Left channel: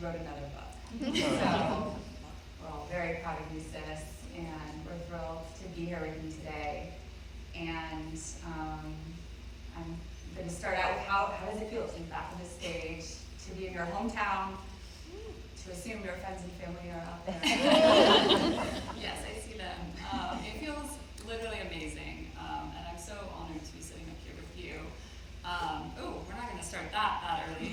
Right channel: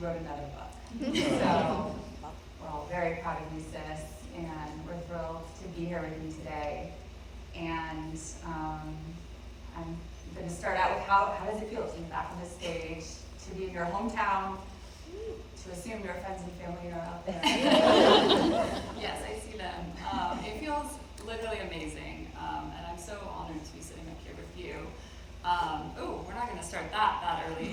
she wrote another book. So we're all very proud of you, sis, and we're thrilled to be here with you today. And I'm going to start out with how does it feel to be back on the stage, to be in your hometown, to assume your friends and family are out there. Yes, I see them. It feels literally amazing, and I'm so honored to be sitting up here with you. We're not going to start that early.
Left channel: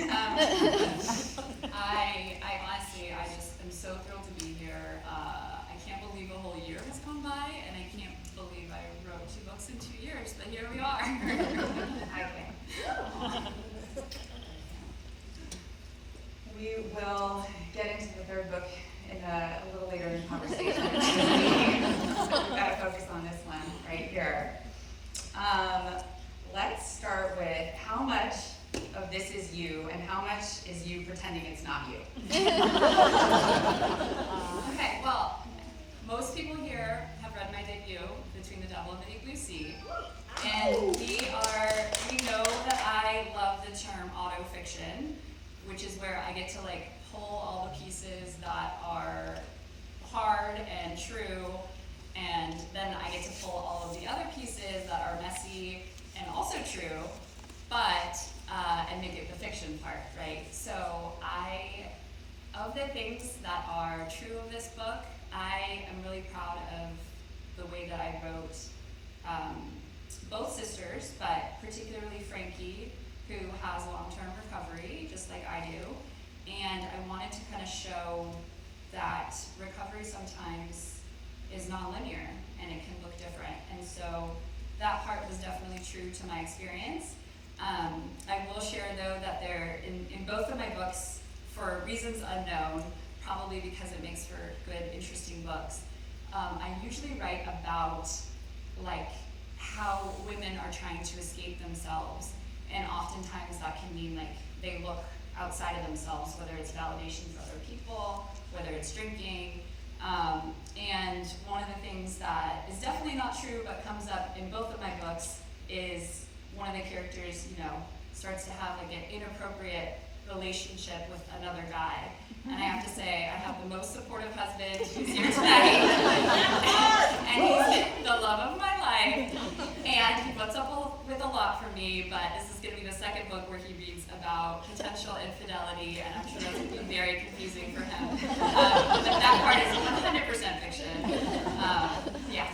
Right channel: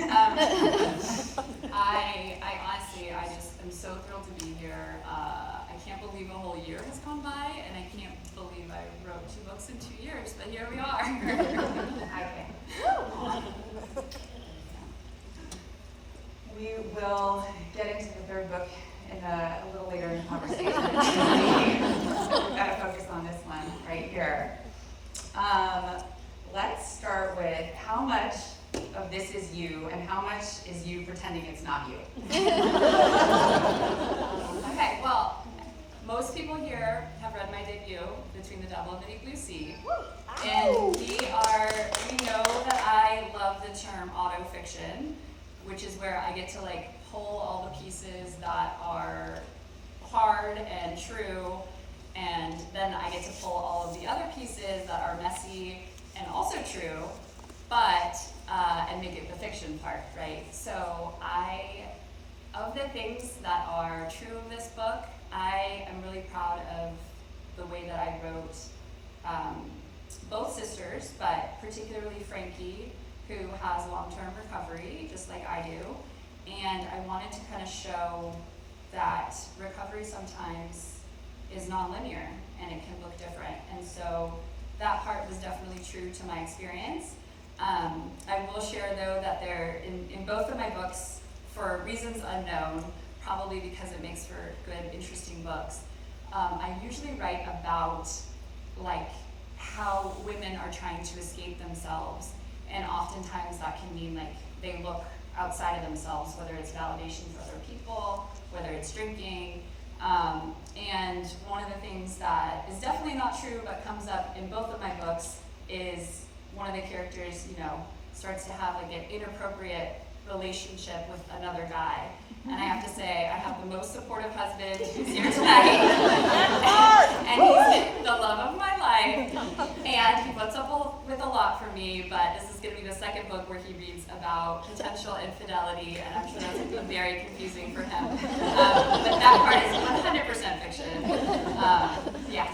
I honestly, I just am so thrilled to be here. I can't believe a whole year has gone by, and I can't believe I wrote 2 books in 2 years, but here we are. I can. We will get into the 3rd book in a little later in the conversation. We've got to focus on this one right here. Let's start with how much of this is you and how much is you pretending it's not you? Okay, well, most people here have read my debut, Between the Devil and the Deep Blue Sea. And we know that I love the term autofiction, which is where I get to pull all the pieces that are hard and true, and then I get to pull all of the other pieces that are messy and also true, but and make it the fiction part, right? So of the things that are true of this book, I am really proud of the way that I wrote both sisters, but particularly Frankie, who has long-term recovery, just like I do. And I wanted to kind of show that recovery sometimes is nonlinear and it can look different. And so that part was definitely true to my experience. I will share, though, that in both of my books, for reasons unknown, probably because it makes for good, interesting books, I usually write about how women are trying to escape themselves. And oftentimes that can mean they look outside of themselves, whether it's validation for other people, whether it's drinking. And one of the things that is definitely not true but comes up in both of my books is one of the characters, starts to have an inappropriate relationship with another guy. And I have to say, I have the most supportive husband who's here tonight. And he's the love of my life. And he puts up with a lot for me, but this is going to be the 2nd book where he reads about potential infidelity, and I'm sure that's going to be very confusing for him. But that part is 100% fiction. Yeah.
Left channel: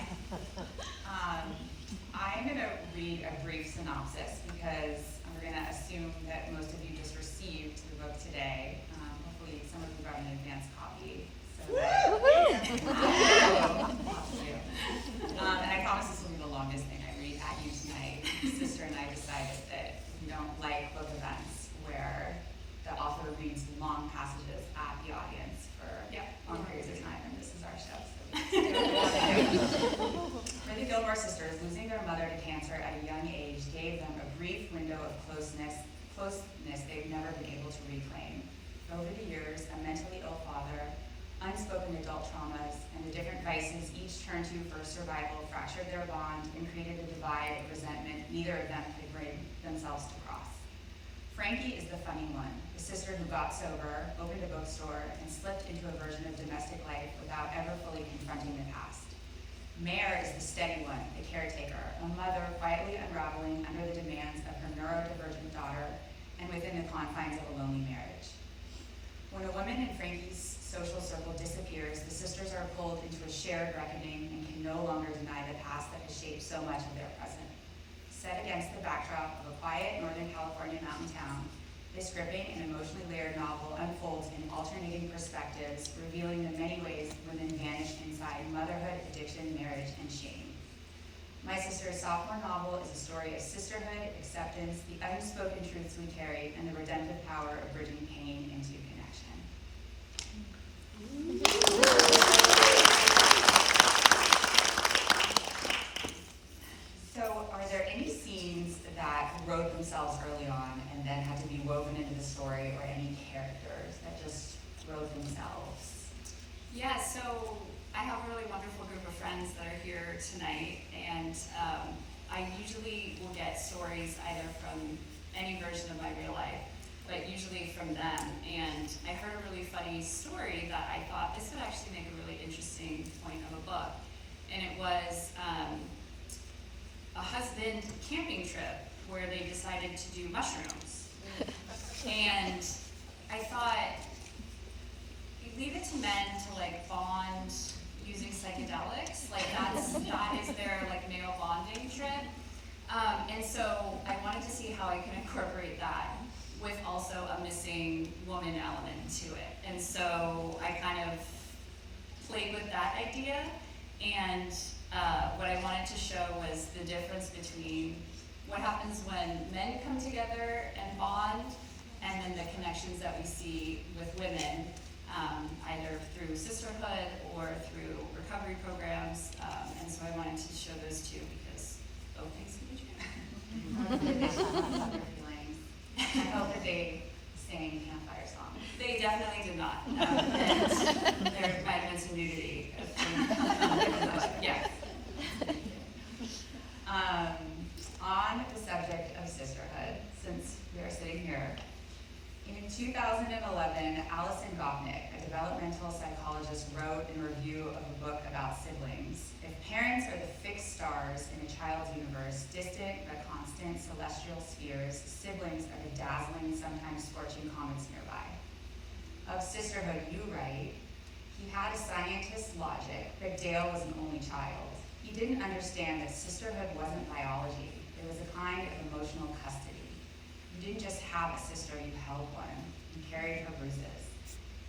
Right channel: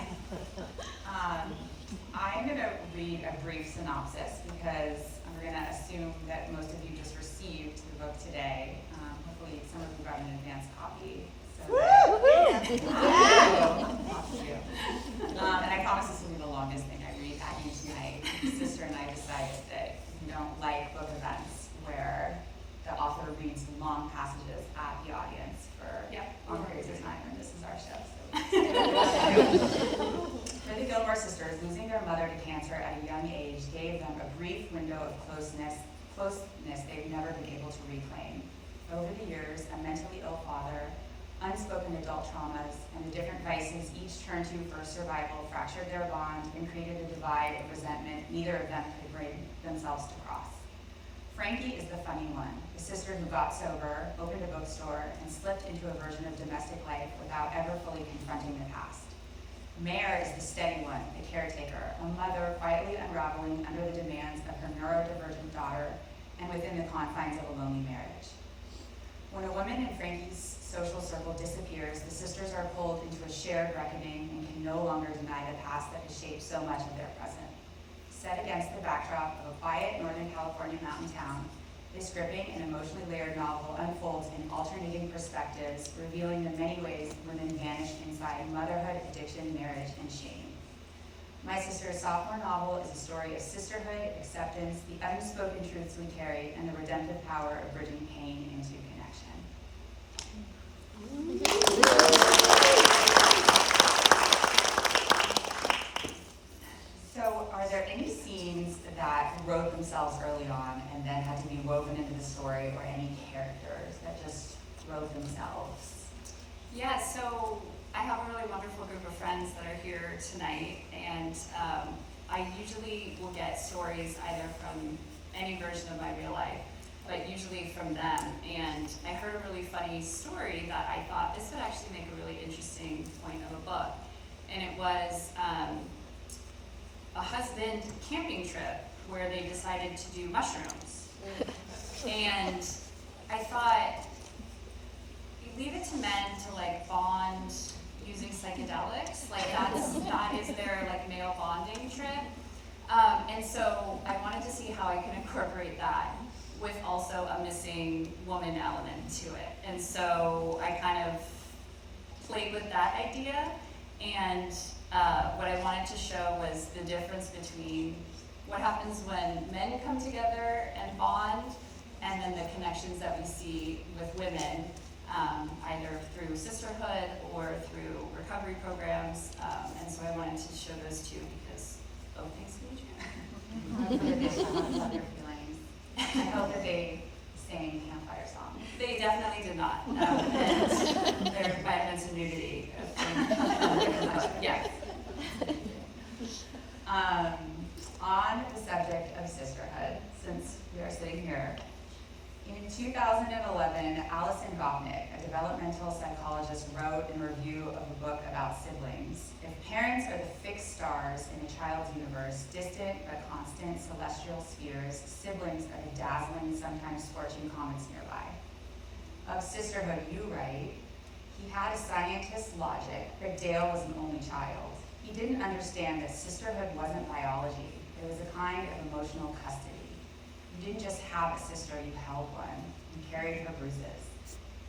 I'm going to read a brief synopsis because we're going to assume that most of you just received the book today. Hopefully some of you got an advance copy. So and I promise this will be the longest thing I read at you tonight. Sister and I decided that we don't like book events where the author reads long passages at the audience for long periods of time, and this is our show. So. For the Gilmore sisters, losing their mother to cancer at a young age gave them a brief window of closeness they've never been able to reclaim. Over the years, a mentally ill father, unspoken adult traumas, and the different vices each turned to for survival fractured their bond and created a divide of resentment neither of them could bring themselves to cross. Frankie is the funny one, the sister who got sober, opened a bookstore, and slipped into a version of domestic life without ever fully confronting the past. Mare is the steady one, the caretaker, a mother quietly unraveling under the demands of her neurodivergent daughter and within the confines of a lonely marriage. When a woman in Frankie's social circle disappears, the sisters are pulled into a shared reckoning and can no longer deny the past that has shaped so much of their present. Set against the backdrop of a quiet Northern California mountain town, this gripping and emotionally layered novel unfolds in alternating perspectives, revealing the many ways women vanish inside motherhood, addiction, marriage, and shame. My Sister's sophomore novel is a story of sisterhood, acceptance, the unspoken truths we carry, and the redemptive power of bridging pain into connection. So, are there any scenes that wrote themselves early on and then had to be woven into the story, or any characters that just wrote themselves? Yeah, so I have a really wonderful group of friends that are here tonight, and I usually will get stories either from any version of my real life, but usually from them. And I heard a really funny story that I thought this would actually make a really interesting point of a book. And it was a husband camping trip where they decided to do mushrooms. And I thought, you leave it to men to like bond using psychedelics, like that is their like male bonding trip. And so I wanted to see how I can incorporate that with also a missing woman element to it. And so I kind of played with that idea, and what I wanted to show was the difference between what happens when men come together and bond, and then the connections that we see with women, either through sisterhood or through recovery programs. And so I wanted to show those two because both things can be true. I love their feelings. I hope that they sang campfire songs. They definitely did not. And there might have been some nudity. Yeah. On the subject of sisterhood, since we are sitting here, in 2011, Alison Gopnik, a developmental psychologist, wrote in review of a book about siblings, if parents are the fixed stars in a child's universe, distant but constant celestial spheres, siblings are the dazzling, sometimes scorching comets nearby. Of sisterhood, you write, he had a scientist's logic, but Dale was an only child. He didn't understand that sisterhood wasn't biology. It was a kind of emotional custody. You didn't just have a sister, you held one. You carried her bruises.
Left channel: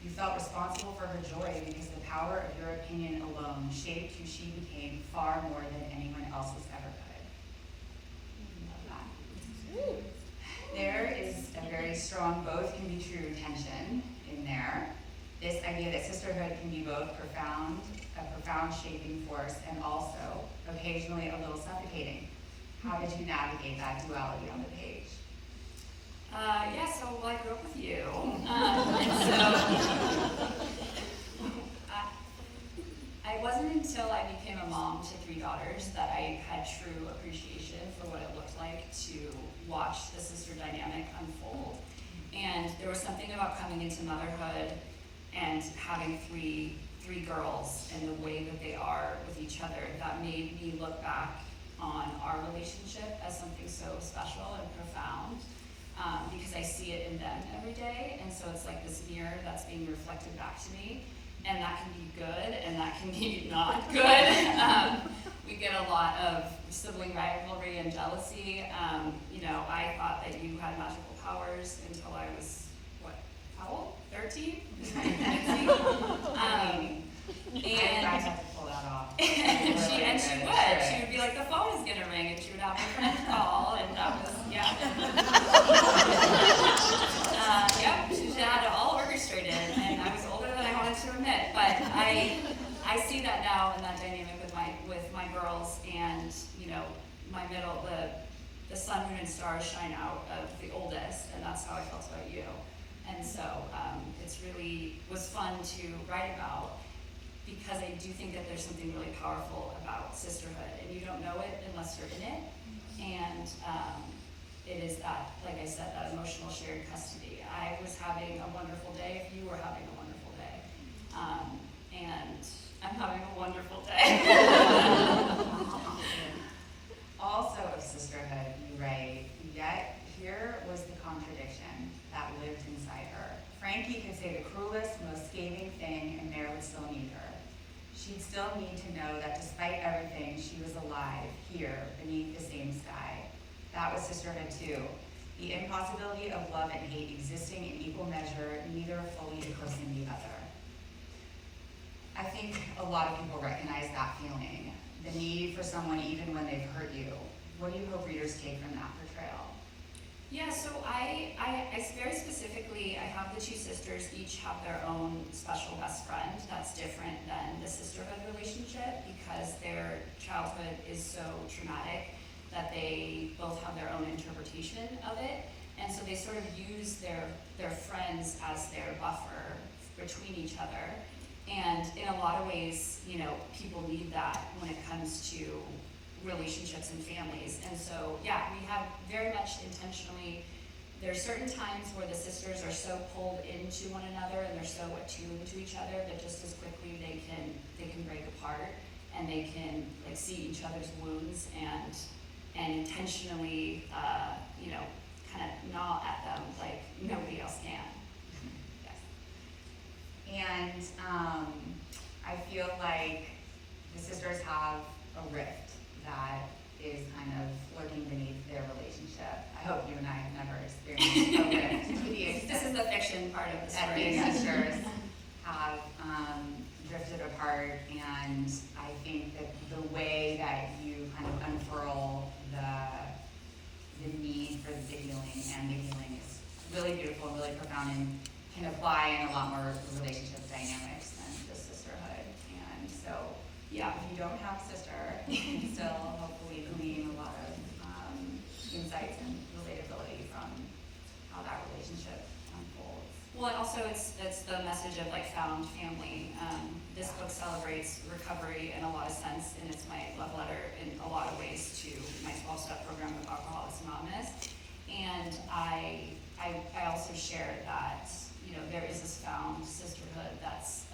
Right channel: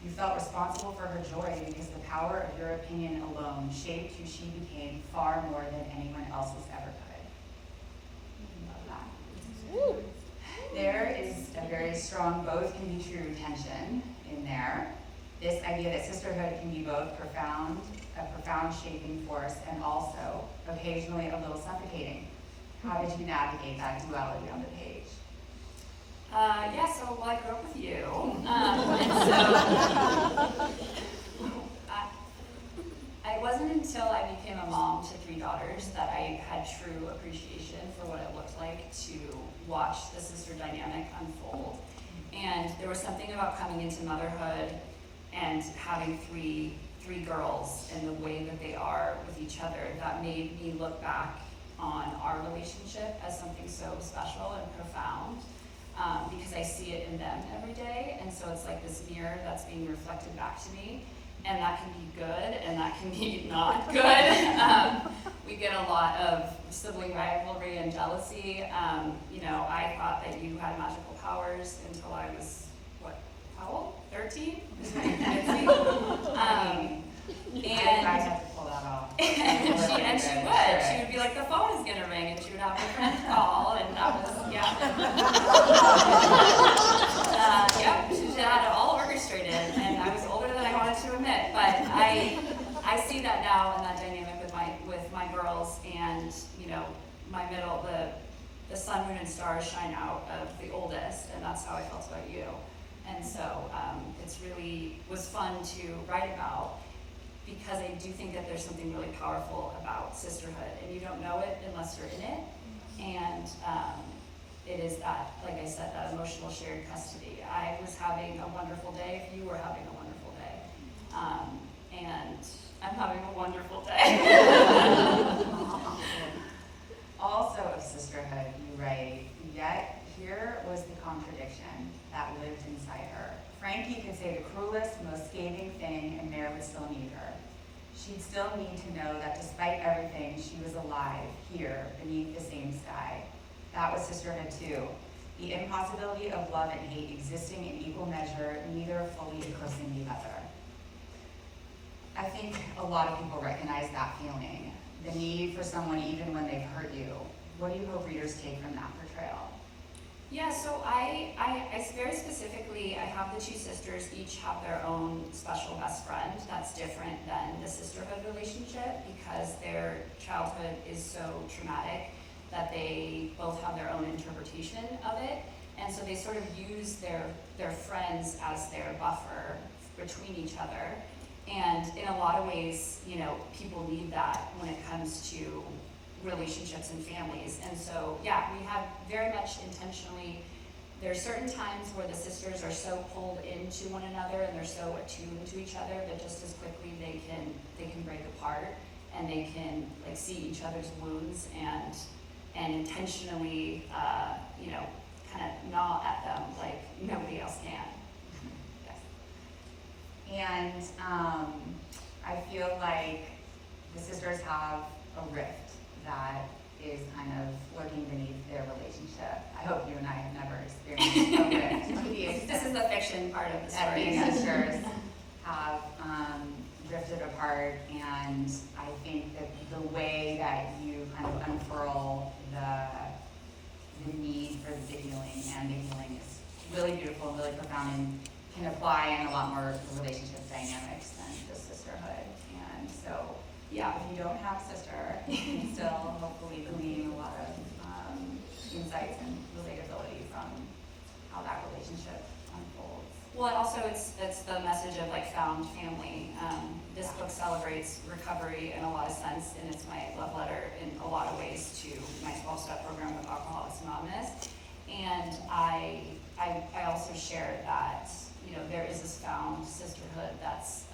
You felt responsible for her joy because the power of your opinion alone shaped who she became far more than anyone else's ever could. Love that. There is a very strong both can be true tension in there. This idea that sisterhood can be both a profound shaping force, and also occasionally a little suffocating. How did you navigate that duality on the page? So I grew up with you, and so it wasn't until I became a mom to 3 daughters that I had true appreciation for what it looked like to watch the sister dynamic unfold. And there was something about coming into motherhood and having three girls and the way that they are with each other that made me look back on our relationship as something so special and profound. Because I see it in them every day, and so it's like this mirror that's being reflected back to me, and that can be good, and that can be not good. We get a lot of sibling rivalry and jealousy. I thought that you had magical powers until I was, how old? 13? I had to pull that off. and she would be like, the phone is gonna ring, and she would have her friend call, and that was, she had it all orchestrated, and I was older than I wanted to admit, but I see that now in that dynamic with my girls, and my middle, the sun, moon, and stars shine out of the oldest, and that's how I felt about you. And so it's really was fun to write about, because I do think that there's something really powerful about sisterhood, and you don't know it unless you're in it. And it is that, like I said, that emotional shared custody. I was having a wonderful day if you were having a wonderful day. And I'm having a wonderful day. Also of sisterhood, you write, yet here was the contradiction that lived inside her. Frankie could say the cruelest, most scathing thing, and Mare would still need her. She'd still need to know that despite everything, she was alive, here, beneath the same sky. That was sisterhood too. The impossibility of love and hate existing in equal measure, neither fully eclipsing the other. I think a lot of people recognize that feeling, the need for someone even when they've hurt you. What do you hope readers take from that portrayal? Yeah, so I very specifically, I have the 2 sisters, each have their own special best friend that's different than the sisterhood relationship, because their childhood is so traumatic that they both have their own interpretation of it. And so they sort of use their friends as their buffer between each other. And in a lot of ways, people need that when it comes to relationships and families. And so, we have very much intentionally, there are certain times where the sisters are so pulled into one another and they're so attuned to each other that just as quickly they can break apart, and they can like see each other's wounds and intentionally kind of gnaw at them like nobody else can. Yes. And I feel like the sisters have a rift that is kind of lurking beneath their relationship. I hope you and I have never experienced a rift to the extent This is the fiction part of the that story. these sisters have drifted apart, and I think that the way that you kind of unfurl the need for the healing and the healing is really beautiful and really profound, and can apply in a lot more relationship dynamics than just sisterhood. And so, yeah, if you don't have a sister, you can still hopefully glean a lot of insights and relatability from how that relationship unfolds. Well, and also it's the message of like found family. This book celebrates recovery in a lot of sense, and it's my love letter in a lot of ways to my 12-step program with Alcoholics Anonymous. And I also share that there is this found sisterhood that's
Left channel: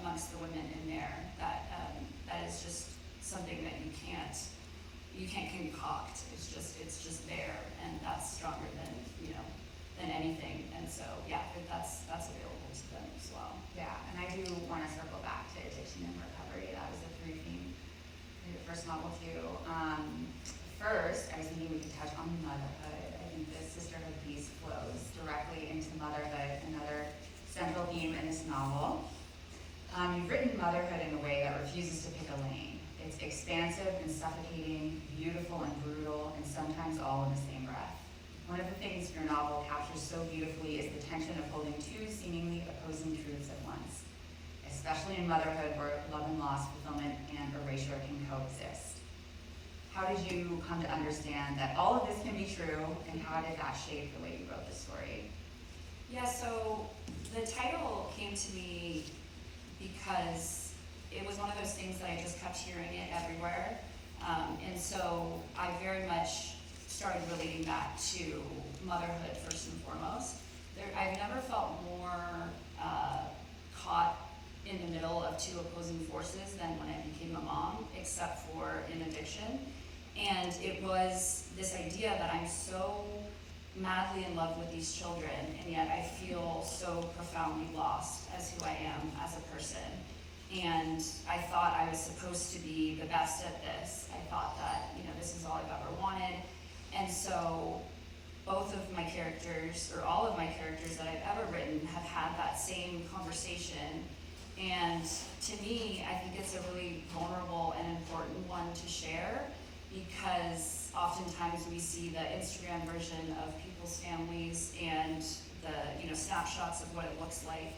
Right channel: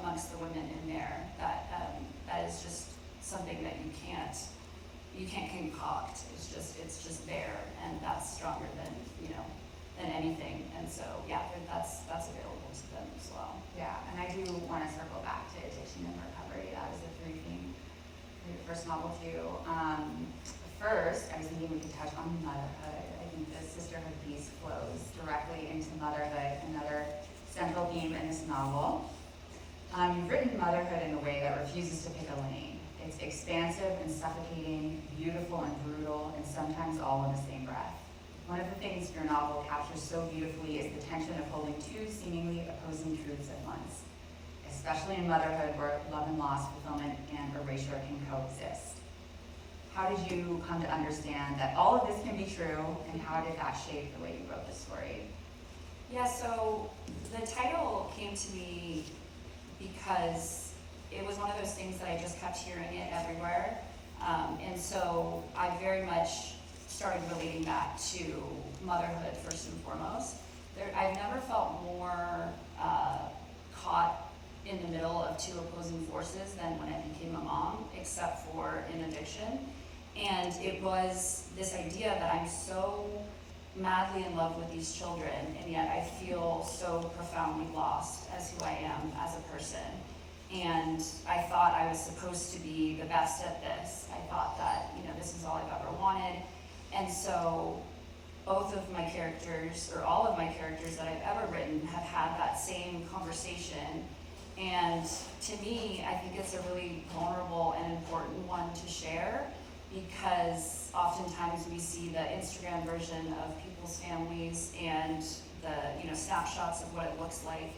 amongst the women in there that is just something that you can't concoct. It's just there, and that's stronger than anything. And so yeah, that's available to them as well. Yeah, and I do want to circle back to addiction and recovery. That was a through theme in the first novel too. First, I was thinking we could touch on motherhood. I think the sisterhood piece flows directly into motherhood, another central theme in this novel. You've written motherhood in a way that refuses to pick a lane. It's expansive and suffocating, beautiful and brutal, and sometimes all in the same breath. One of the things your novel captures so beautifully is the tension of holding two seemingly opposing truths at once, especially in motherhood where love and loss, fulfillment, and erasure can coexist. How did you come to understand that all of this can be true, and how did that shape the way you wrote this story? Yeah, so the title came to me because it was one of those things that I just kept hearing it everywhere. And so I very much started relating that to motherhood first and foremost. I've never felt more caught in the middle of two opposing forces than when I became a mom, except for in addiction. And it was this idea that I'm so madly in love with these children, and yet I feel so profoundly lost as who I am as a person. And I thought I was supposed to be the best at this. I thought that, this is all I've ever wanted. And so both of my characters, or all of my characters that I've ever written, have had that same conversation. And to me, I think it's a really vulnerable and important one to share, because oftentimes we see the Instagram version of people's families and the snapshots of what it looks like,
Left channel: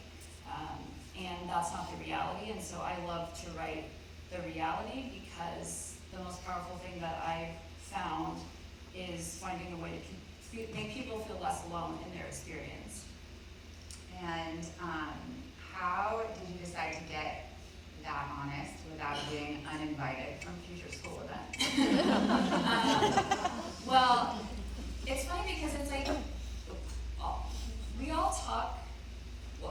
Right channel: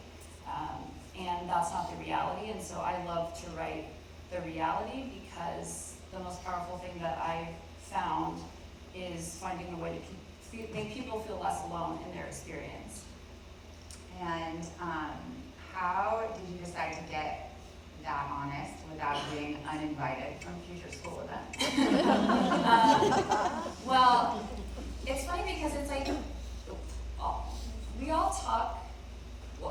and that's not the reality. And so I love to write the reality, because the most powerful thing that I've found is finding a way to make people feel less alone in their experience. And how did you decide to get that honest without being uninvited from future school events? Well, it's funny because it's like, we all talk,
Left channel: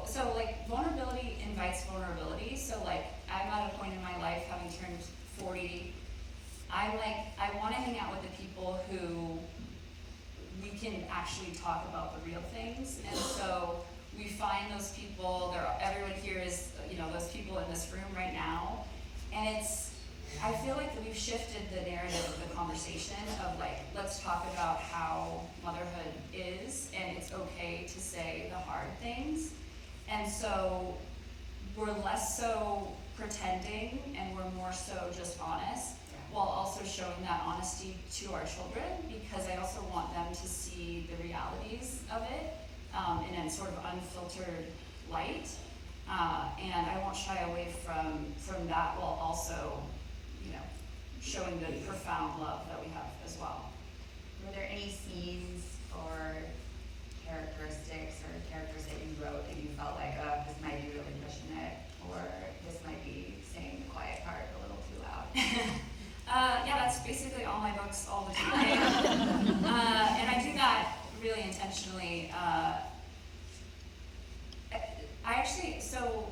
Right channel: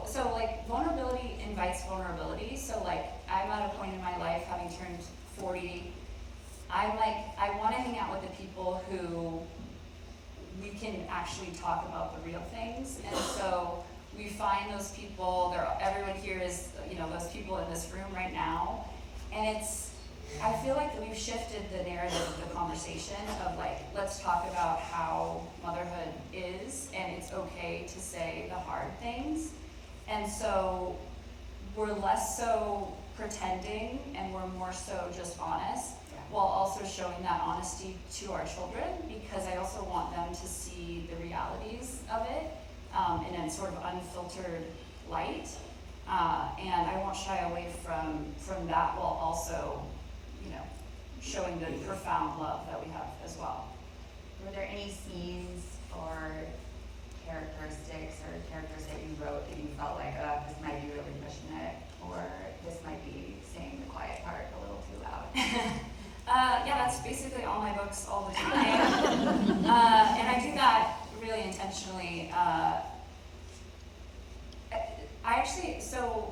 so like vulnerability invites vulnerability. So like I'm at a point in my life, having turned 40, I'm like, I want to hang out with the people who we can actually talk about the real things. And so we find those people, everyone here is, those people in this room right now. And I feel like that we've shifted the narrative of the conversation of like, let's talk about how motherhood is, and it's okay to say the hard things. And so we're less so pretending, and we're more so just honest, while also showing that honesty to our children, because I also want them to see the realities of it in a sort of unfiltered light. And I won't shy away from that, while also, showing the profound love that we have as well. Were there any scenes or characteristics or characters that you wrote that you felt like, this might be really pushing it, or this might be saying the quiet part a little too loud? Yeah, that's basically all my books all the time. And I do that really intentionally,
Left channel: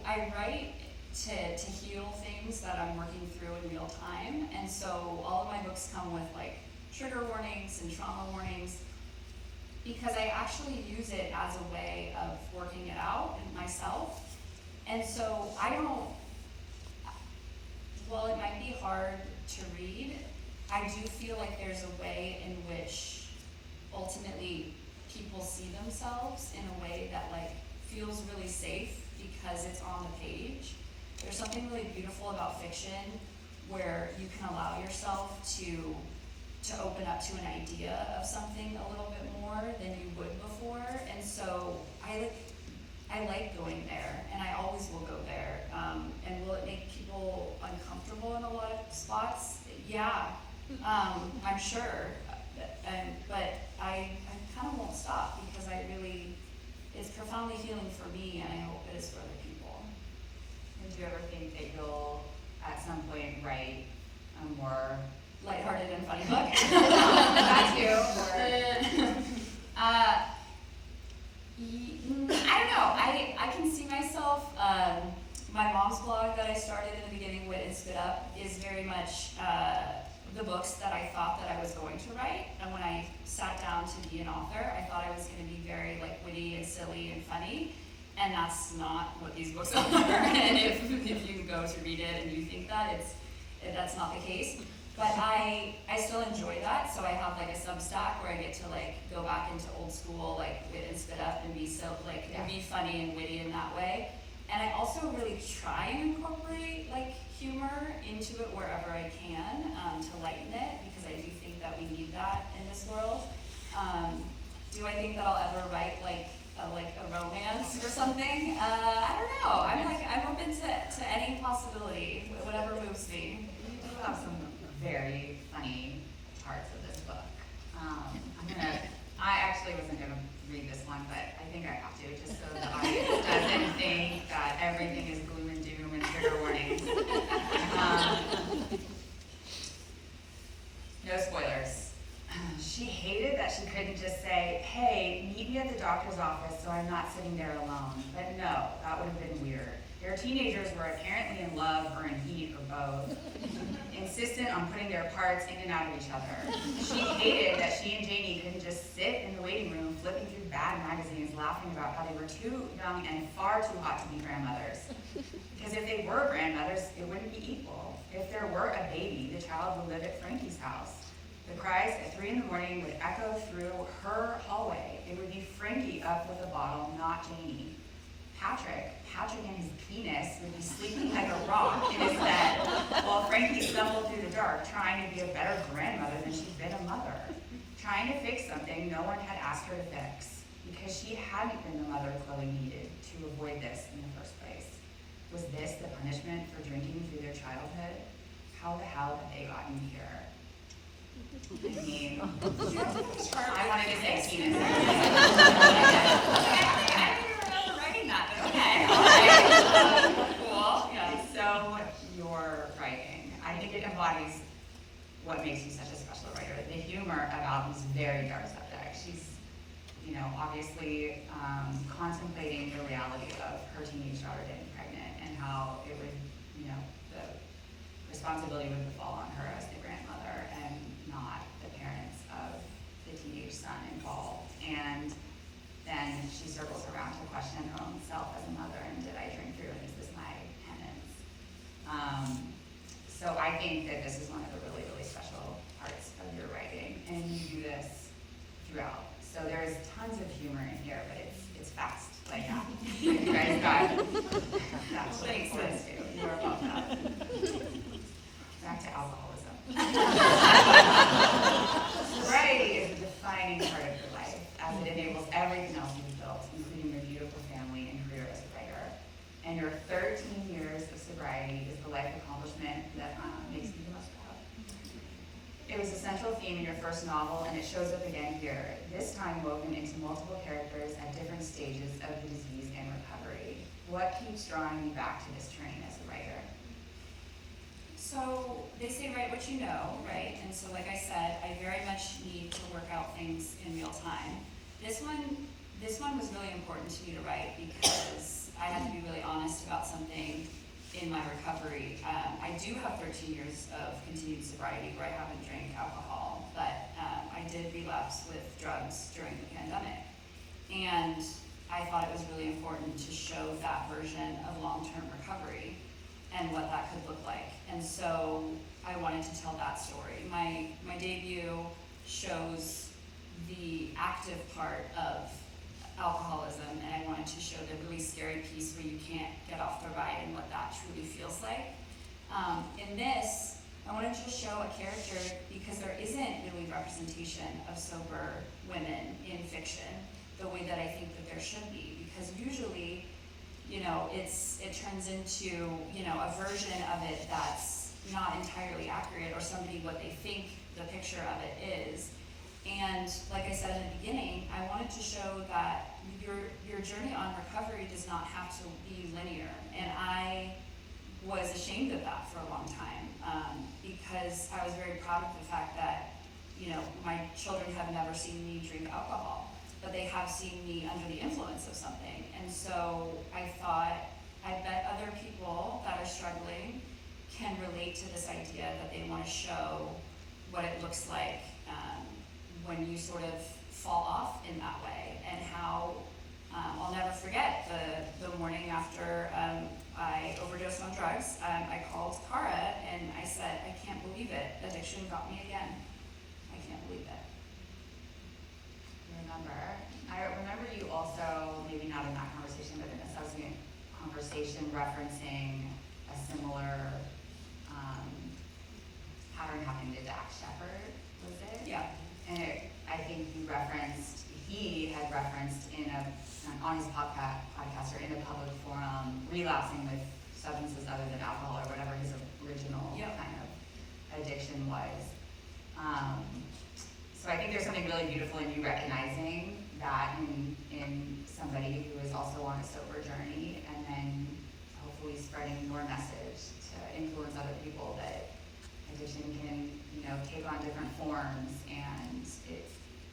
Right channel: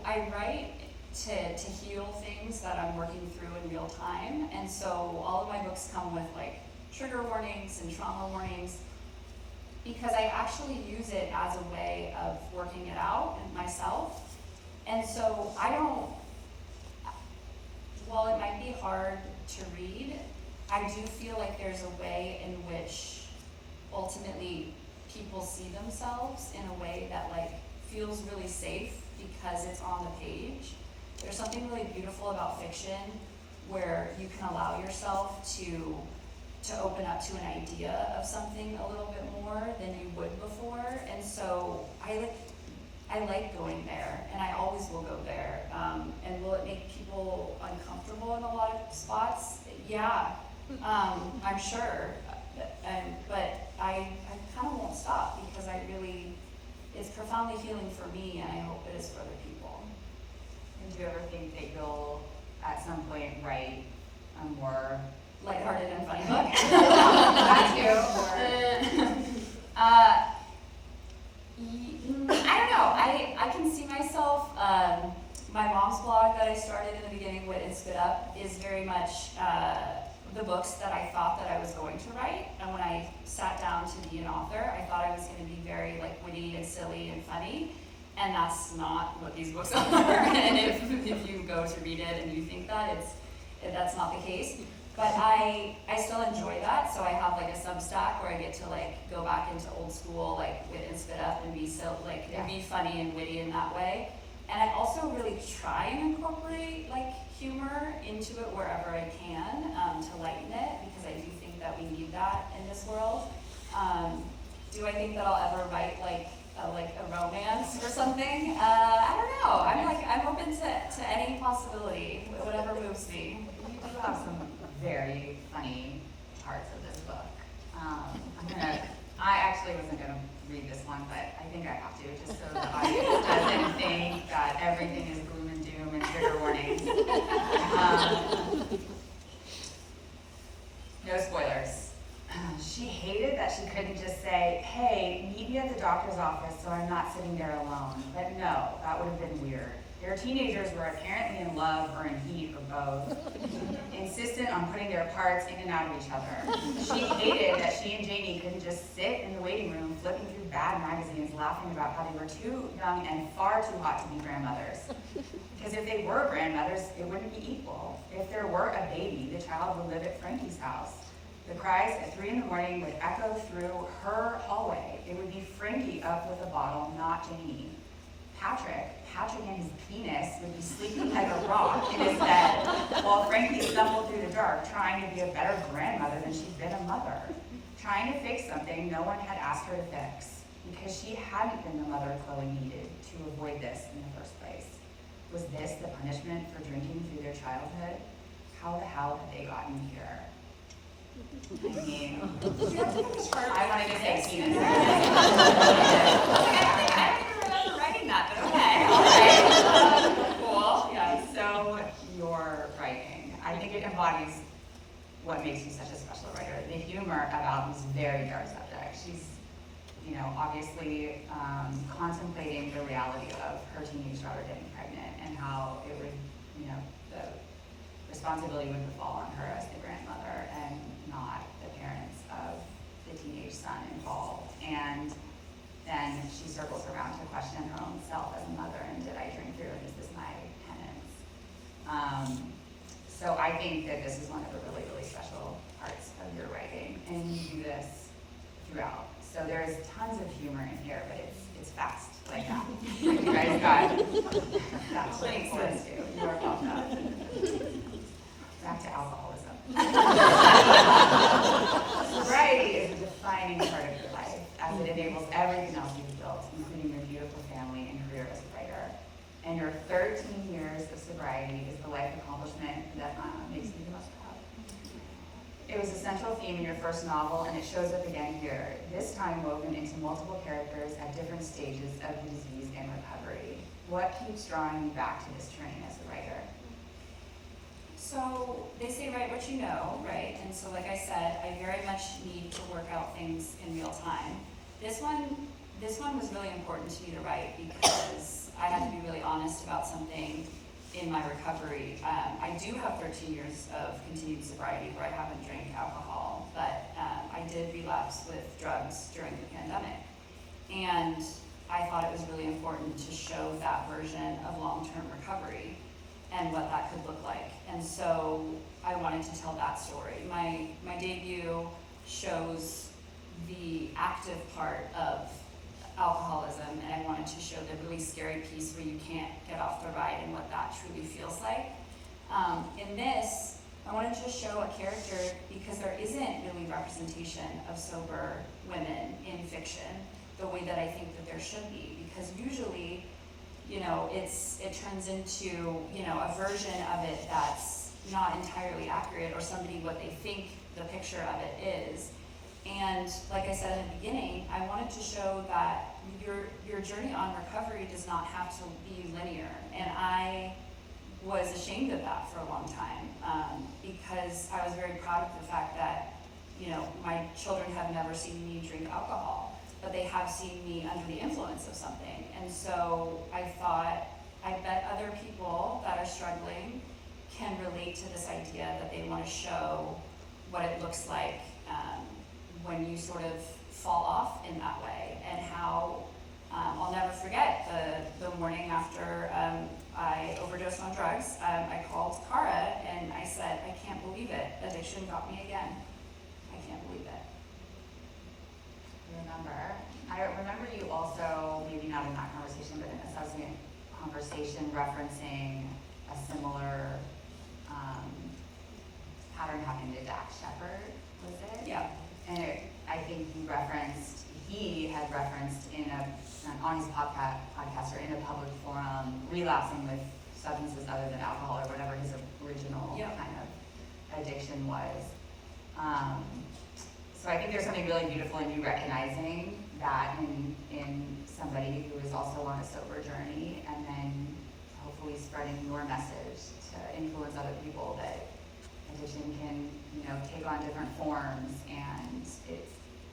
I write to heal things that I'm working through in real time, and so all of my books come with like trigger warnings and trauma warnings, because I actually use it as a way of working it out in myself. And so while it might be hard to read, I do feel like there's a way in which ultimately people see themselves in a way that like feels really safe because it's on the page. There's something really beautiful about fiction where you can allow yourself to open up to an idea of something a little bit more than you would before. And so I like going there, and I always will go there. And will it make people uncomfortable in a lot of spots? Yeah, I'm sure. But I kind of won't stop because it's profoundly healing for me, and I hope it is for other people. And do you ever think that you'll, at some point, write a more lighthearted and funny book? I don't know. I can see myself. My mom's blog that I started in the beginning, Wit and Spit Up, is very much the books that I thought that I was going to write. And when I sat down to be an author, I thought I was going to be very like witty and silly and funny. And that's not what these books are. And if you go to read it and you think that's not the case. But I still enjoy that, so I have like a Substack where I get to like go back into old school like Wit and Spit Up and be and be funny and witty in that way. And I also really try and incorporate like humor into it wherever I can to lighten it, because I do think that we need that in this world. Do I think that I'll ever write like a romance or something? I don't know. I'm open to any possibility, whatever moves me. You do have some very funny parts of this book. I actually wasn't going to read this one, but I think I have to, just so the audience doesn't think that everything is gloom and doom and trigger warnings. No spoilers. She hated that she couldn't just say, hey, meet me at the doctor's office so I'm not sitting there alone. But no, that would have been weird. Their teenagers were apparently in love or in heat or both, insistent on putting their parts in and out of each other. She hated that she and Janie couldn't just sit in the waiting room flipping through bad magazines laughing about how they were too young and far too hot to be grandmothers. Because if they were grandmothers, it wouldn't be equal. If there were a baby, the child would live at Frankie's house. The cries at 3 in the morning would echo through her hallway. It would be Frankie up with a bottle, not Janie. Patrick and his penis would be sleeping like a rock in his bed while Frankie stumbled through the dark trying to be a better grandmother than she'd been a mother. Trying to fix something no one had asked her to fix because she hadn't been the mother Chloe needed to avoid this in the first place. Was this the punishment for drinking through their childhood? How the hell had they gotten here? I mean, I wanted to say penis. I don't even remember writing that, but okay. Cool. Yeah. So your writing, I think it embodies what makes you such a special writer. The humor about these very dark subjects. She's, obviously contemplating the reality of her teenage daughter getting pregnant and how it would, the responsibility would fall on her as the grandmother and not the parents of the teenage son involved. And then she circles around to question her own self as a mother, and did I drink through, and is this my penance? So I think that this is one of the really, really special parts of your writing, and you do this throughout. So there's tons of humor in here, but it's fast, like that. You guys got that makes sense too. You are welcome. Back to alcoholism. Sobriety is a defining part of your life, as it enables everything else you've built, including your beautiful family and career as a writer. And your 13 years of sobriety is the life accomplishment that makes me the most proud. It was a central theme in your first novel, and it shows up again here, this time woven into multiple characters at different stages of the disease and recovery. What keeps drawing you back to this train as a writer? So they say write what you know, right? And so like I said, I very much need to work out things in real time. This one was really important to me to write because I had to be really honest about something in my recovery. I do have 13 years of continued sobriety where I haven't drank alcohol, but I did relapse with drugs during the pandemic. And I thought it was really important to show that version of long-term recovery and what that could look like. And so I wanted to tell that story. My debut shows the active part of alcoholism, and I wanted to show the really scary piece where you can't get off the ride and what that truly feels like. In this, I wanted to show a character because there isn't really representation of sober women in fiction the way that I think that there should be, because usually, it turns into, a version of it that's not entirely accurate, or somebody what they think the picture of it is. And like I said in the beginning, I wanted to show that your journey on recovery does not have to be linear. And I was ashamed of that for a long time, because I was very proud of the fact that, my children have never seen me drink alcohol, but they have seen me under the influence of something. And so I thought, I bet other people that are struggling can relate to this idea that they want to show what it looks like when you sort of fall off in that way, and how I'll never forget the morning after I overdosed on drugs. I called Cara and I said, I can't believe it. Addiction got me again. I can't believe it. I remember you also, maybe not in that conversation, but in a subsequent conversation referencing a similar pattern happening to Dax Shepard, was it? Yeah. And I think he had referenced on his podcast or in a public forum, relapsing with substances other than alcohol or whatever his original kind of addiction was. So I think there's something really beautiful in you recognizing that in somebody who is also on a sober journey, and then hopefully spreading your message to influence other people that addiction can, take on different forms, and it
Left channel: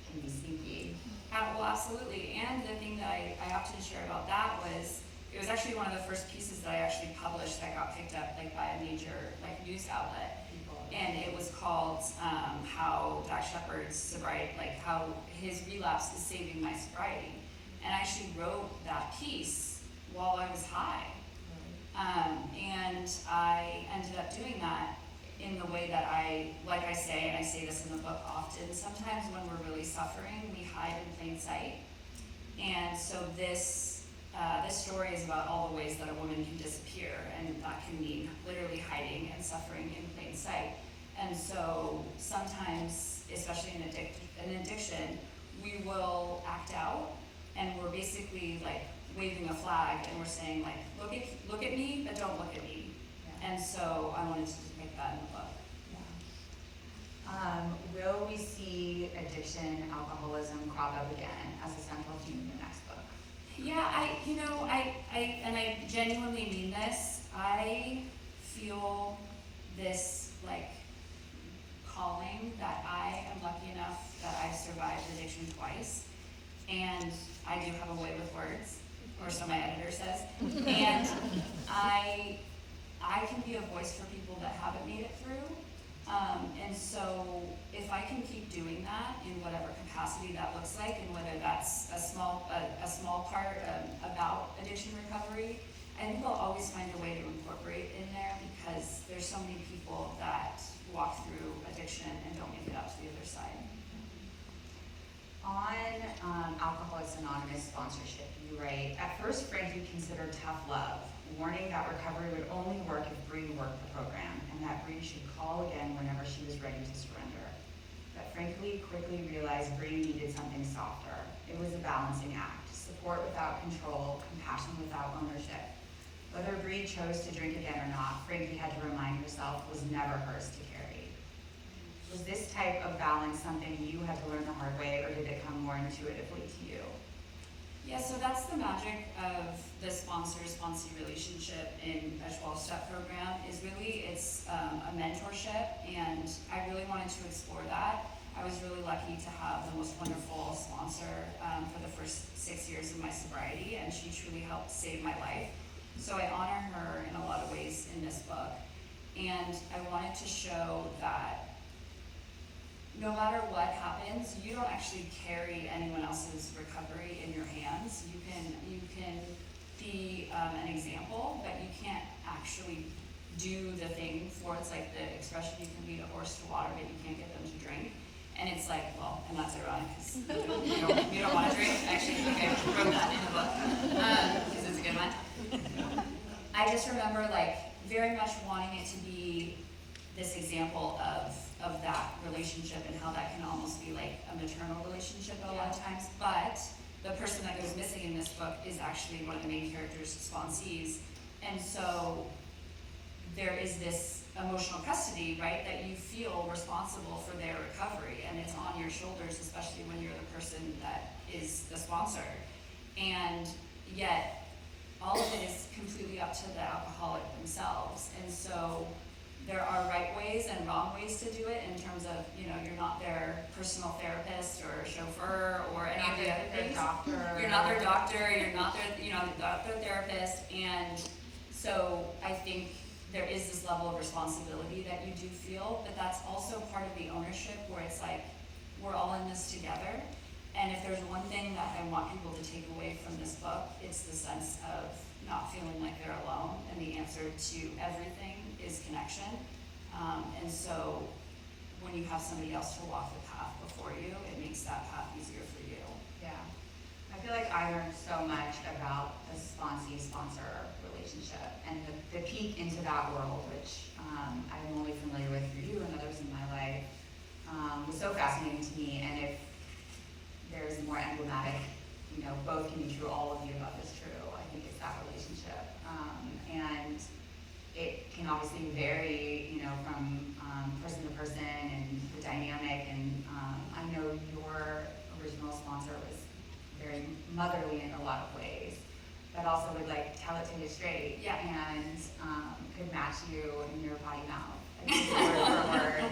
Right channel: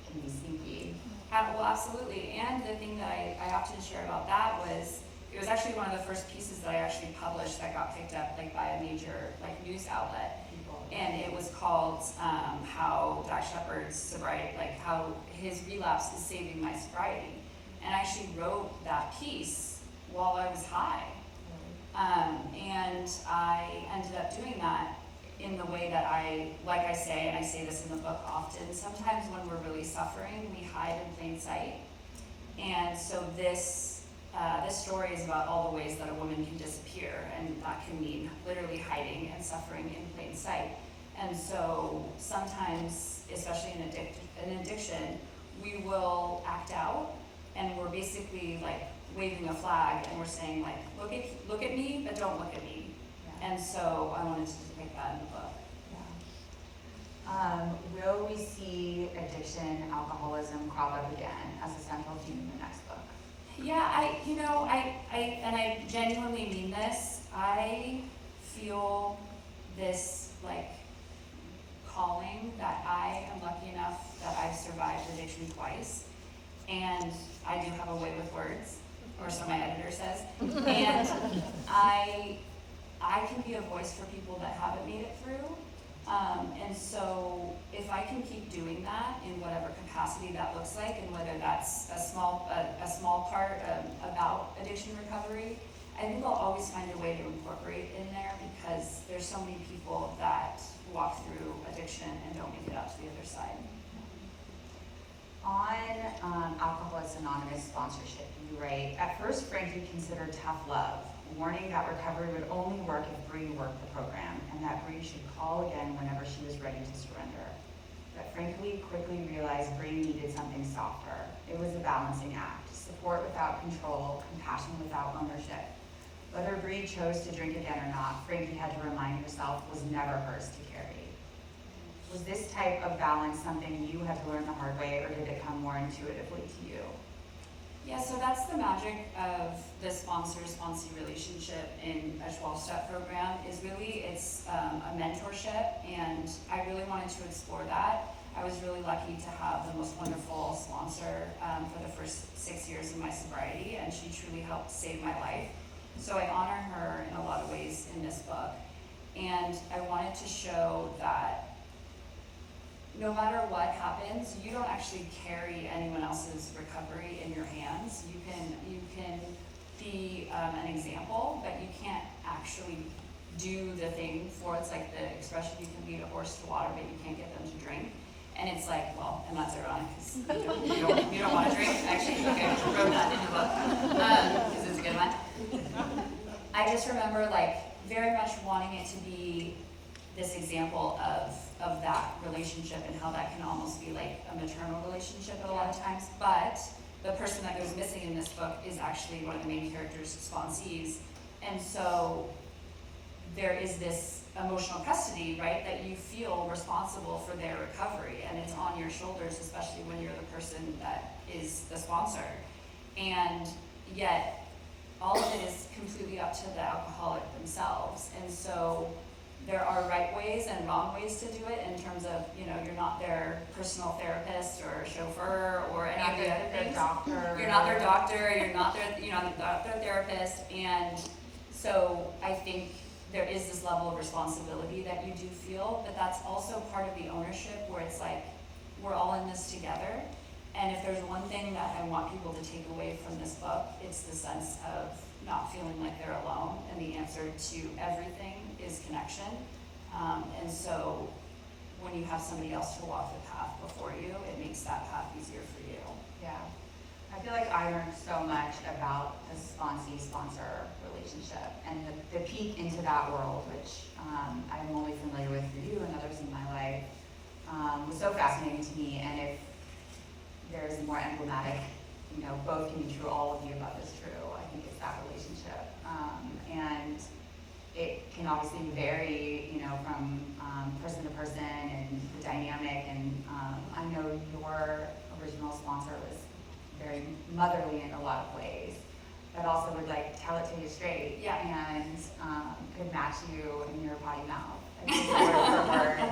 can be sneaky. Well, absolutely. And the thing that I often share about that was, it was actually one of the first pieces that I actually published that got picked up by a major news outlet. And it was called how Dax Shepard's sobriety, how his relapse is saving my sobriety. And I actually wrote that piece while I was high. And I ended up doing that in the way that like I say, and I say this in the book often, sometimes when we're really suffering, we hide in plain sight. And so this story is about all the ways that a woman can disappear, and that can mean literally hiding and suffering in plain sight. And so sometimes, especially in addiction, we will act out, and we're basically waving a flag, and we're saying look at me, but don't look at me. Yeah. And so I wanted to depict that in the book. Yeah. Will we see addiction, alcoholism crop up again as a central theme in the next book? Yeah, I genuinely mean this. I feel this calling that I am lucky enough that I've survived addiction twice, and I do have a way with words, or so my editor says, and I can be a voice for people that haven't made it through, and so if I can keep doing that in whatever capacity that looks like, and whether that's a small part about addiction recovery, I think I'll always find a way to incorporate in there, because there's so many people that walk through addiction and don't make it out to the other side. On Alcoholics Anonymous sponsorship, you write, at first Frankie considered tough love, warning that recovery would only work if Bree worked the program, and that Bree should call again whenever she was ready to surrender. But Frankie quickly realized Bree needed something softer. It was a balancing act, support without control, compassion without ownership. Whether Bree chose to drink again or not, Frankie had to remind herself was never hers to carry. Was this type of balance something you had to learn the hard way, or did it come more intuitively to you? Yeah, so that's the magic of the sponsor-sponsee relationship in a 12-step program, is really it's a mentorship, and I really wanted to explore that. I was really lucky to have the most wonderful sponsor for the first 6 years of my sobriety, and she truly helped save my life. So I honor her in a lot of ways in this book. And I wanted to show that no matter what happens, you don't actually carry anyone else's recovery in your hands. You can be an example, but you can't actually do the thing for it's like the expression, you can lead a horse to water, but you can't get them to drink. And it's like, well, and that's ironic because you don't want to drink. Actually, okay, I wrote that in the book because it's a good one. I just remember like very much wanting it to be this example of that relationship and how that can almost be like a maternal relationship a lot of times. But the person that goes missing in this book is actually one of the main characters' sponsees. And so there is this emotional custody, right, that you feel responsible for their recovery, and it's on your shoulders, especially when you're the person that is the sponsor. And yet, all of it is completely up to the alcoholic themselves. And so there are right ways and wrong ways to do it in terms of, you know, you're not their personal therapist or chauffeur or any of the other things. You're not their doctor, you're not their therapist. And so I think there is this level of responsibility that you do feel, but that's also part of the ownership where it's like, we're all in this together. And if there's one thing that I want people to take away from this book, it's the sense of not feeling like they're alone, and the answer to everything is connection. And so when you have somebody else to walk the path before you, it makes that path easier for you. Yeah. I feel like I learned so much about the sponsee-sponsor relationship and the peek into that world, which I'm only familiar with through you and others in my life, was so fascinating to me. And if there's more emblematic, you know, both can be true, all of the above is true, I think it's that relationship. And it can obviously vary, you know, from person to person and the dynamic. And I know your original sponsor was very motherly in a lot of ways, but also would like tell it to you straight. Yeah. And could match you in your potty mouth, like, word for word.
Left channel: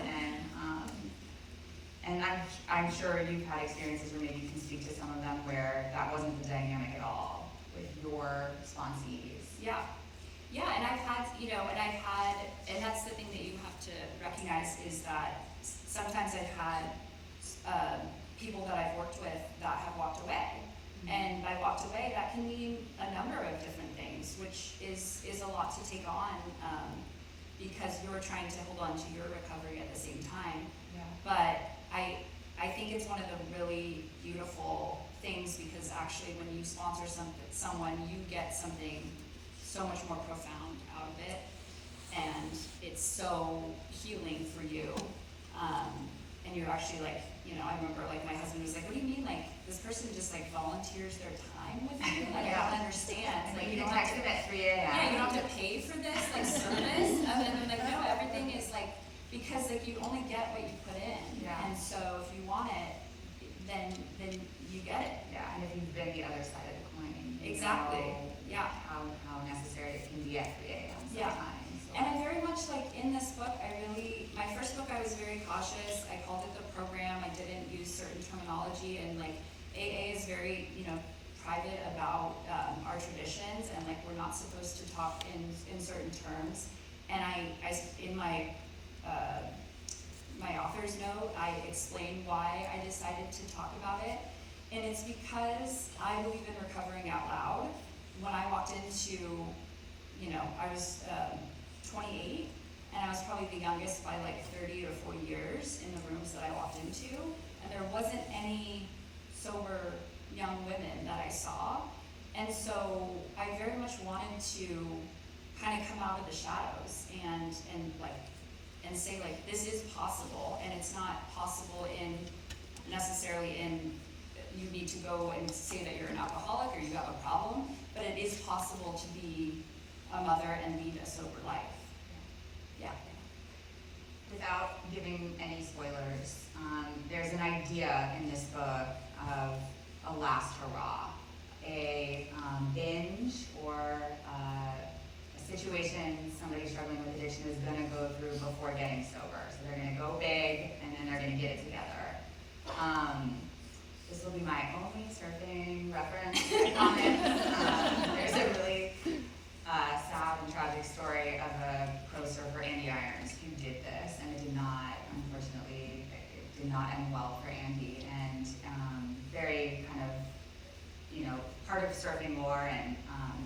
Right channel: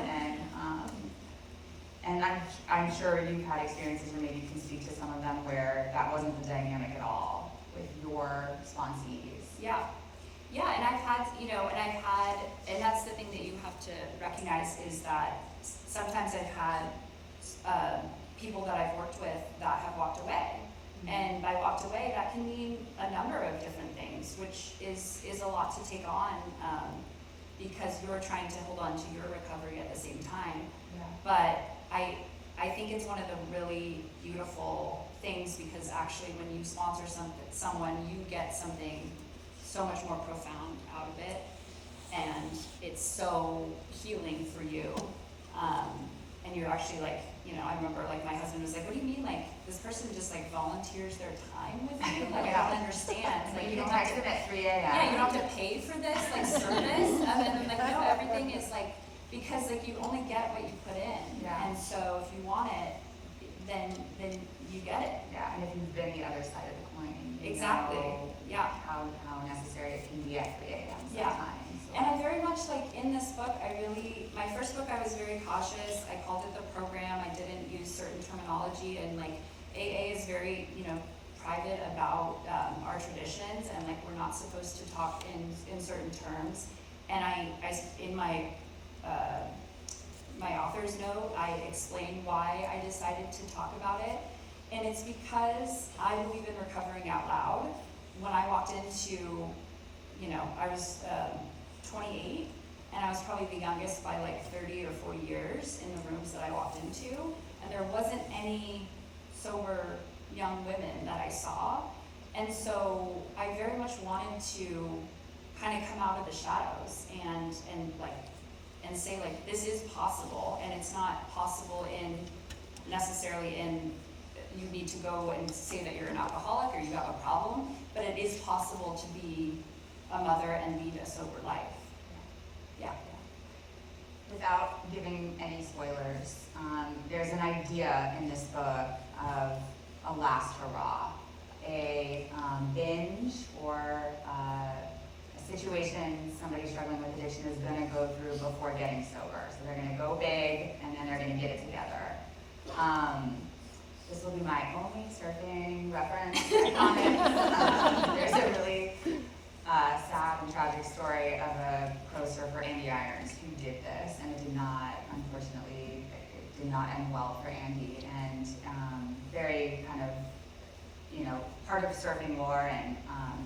And I'm sure you've had experiences, or maybe you can speak to some of them, where that wasn't the dynamic at all with your sponsees. Yeah. Yeah, and I've had, you know, and that's the thing that you have to recognize is that sometimes I've had people that I've worked with that have walked away. Mm-hmm. And by walked away, that can mean a number of different things, which is a lot to take on because you're trying to hold on to your recovery at the same time. Yeah. But I think it's one of the really beautiful things because actually when you sponsor someone, you get something so much more profound out of it, and it's so healing for you. And you're actually like, you know, I remember like my husband was like, what do you mean, like this person just like volunteers their time with you? Like I don't understand. Like you don't have to at 3 a.m. Yeah, you don't have to pay for this like service. And then like, no, everything is like, because like you only get what you put in. Yeah. And so if you want it, then you get it. Yeah, and if you've been the other side of the coin, you Exactly. know Yeah. how necessary it can be at 3 a.m. Yeah. sometimes. So. And I very much like in this book, my first book I was very cautious. I called it the program. I didn't use certain terminology, and like AA is very, you know, private about our traditions, and like we're not supposed to talk in certain terms. And I in my author's note, I explained why I decided to talk about it. And it's because I believe in recovering out loud. When I walked into, you know, I was 28, and I was probably the youngest by like 30 or 40 years in the rooms that I walked into. And there wasn't any sober young women that I saw. And so I very much wanted to kind of come out of the shadows and say like, this is possible, and it's not possible necessarily in you need to go and say that you're an alcoholic or you have a problem, but it is possible to be a mother and lead a sober life. Yeah. Without giving any spoilers, there's an idea in this book of a last hurrah, a binge or a situation somebody struggling with addiction is going to go through before getting sober. So they're going to go big, and then they're going to get it together. This will be my only surfing reference comment. There's a really sad and tragic story of a pro surfer, Andy Irons, who did this, and it did not, unfortunately, it did not end well for Andy. And very kind of, part of surfing lore, and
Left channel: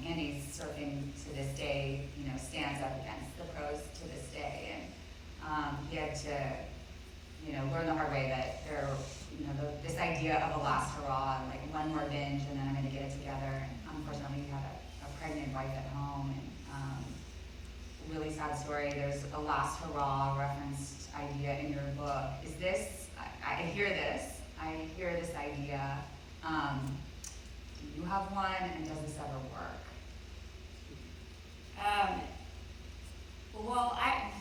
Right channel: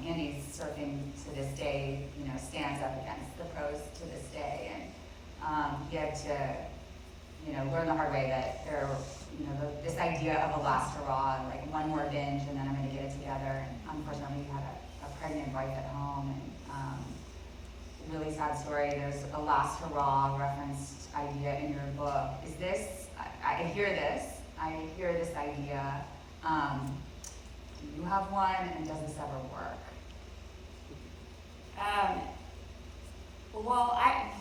Andy's surfing to this day, stands up against the pros to this day. And he had to, learn the hard way that there, this idea of a last hurrah, like one more binge and then I'm going to get it together. And unfortunately, he had a pregnant wife at home, and really sad story. There's a last hurrah referenced idea in your book. Is this? I hear this. I hear this idea. Do you have one, and does this ever work? Well, I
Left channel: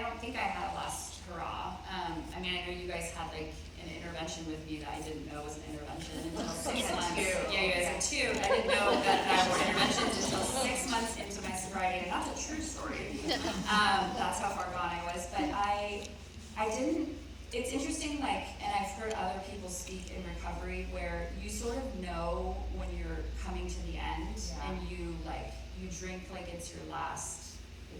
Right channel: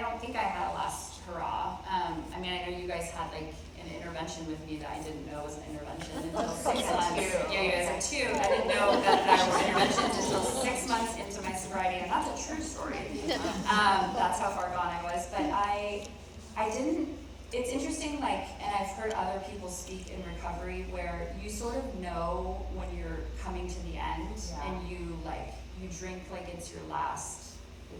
don't think I had a last hurrah. I know you guys had like an intervention with me that I didn't know was an intervention until 6 months. Yeah, you guys had two. I didn't know that was an intervention until 6 months into my sobriety, and that's a true story. That's how far gone I was. But I didn't, it's interesting, and I've heard other people speak in recovery where you sort of know when you're coming to the end, and you drink like it's your last.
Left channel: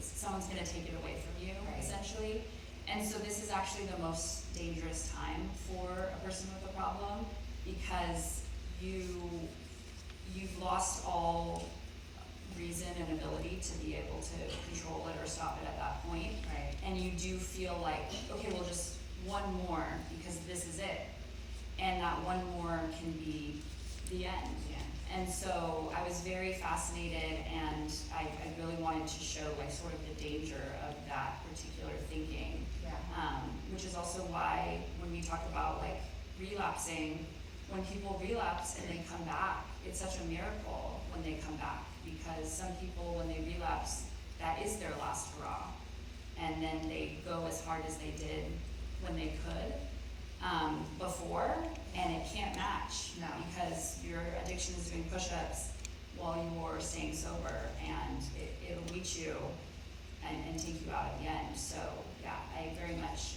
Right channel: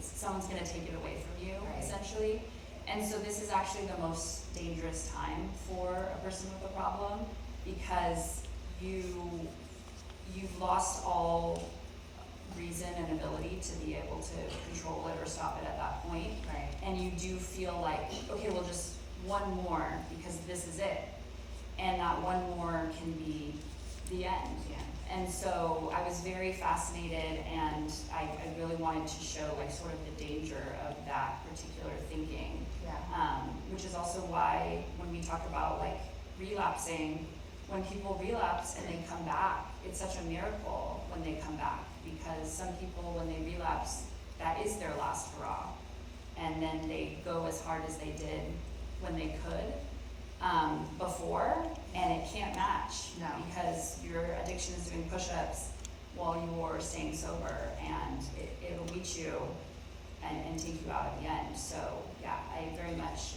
Someone's going to take it away from you, essentially. And so this is actually the most dangerous time for a person with a problem, because you've lost all reason and ability to be able to control it or stop it at that point. Right. And you do feel like, okay, well, just one more, because this is it. And that one more can be the end. Yeah. And so I was very fascinated, and I really wanted to show sort of the danger of that particular thinking. Yeah. Which is also why when we talk about relapsing, when people relapse and they come back, it's such a miracle when they come back, because some people, when they relapse, that is their last hurrah. And then they go as hard as they did when they could before, and it can't match. No. Because your addiction is doing push-ups while you're staying sober, and it'll reach you and take you out at the end. So yeah, I very much,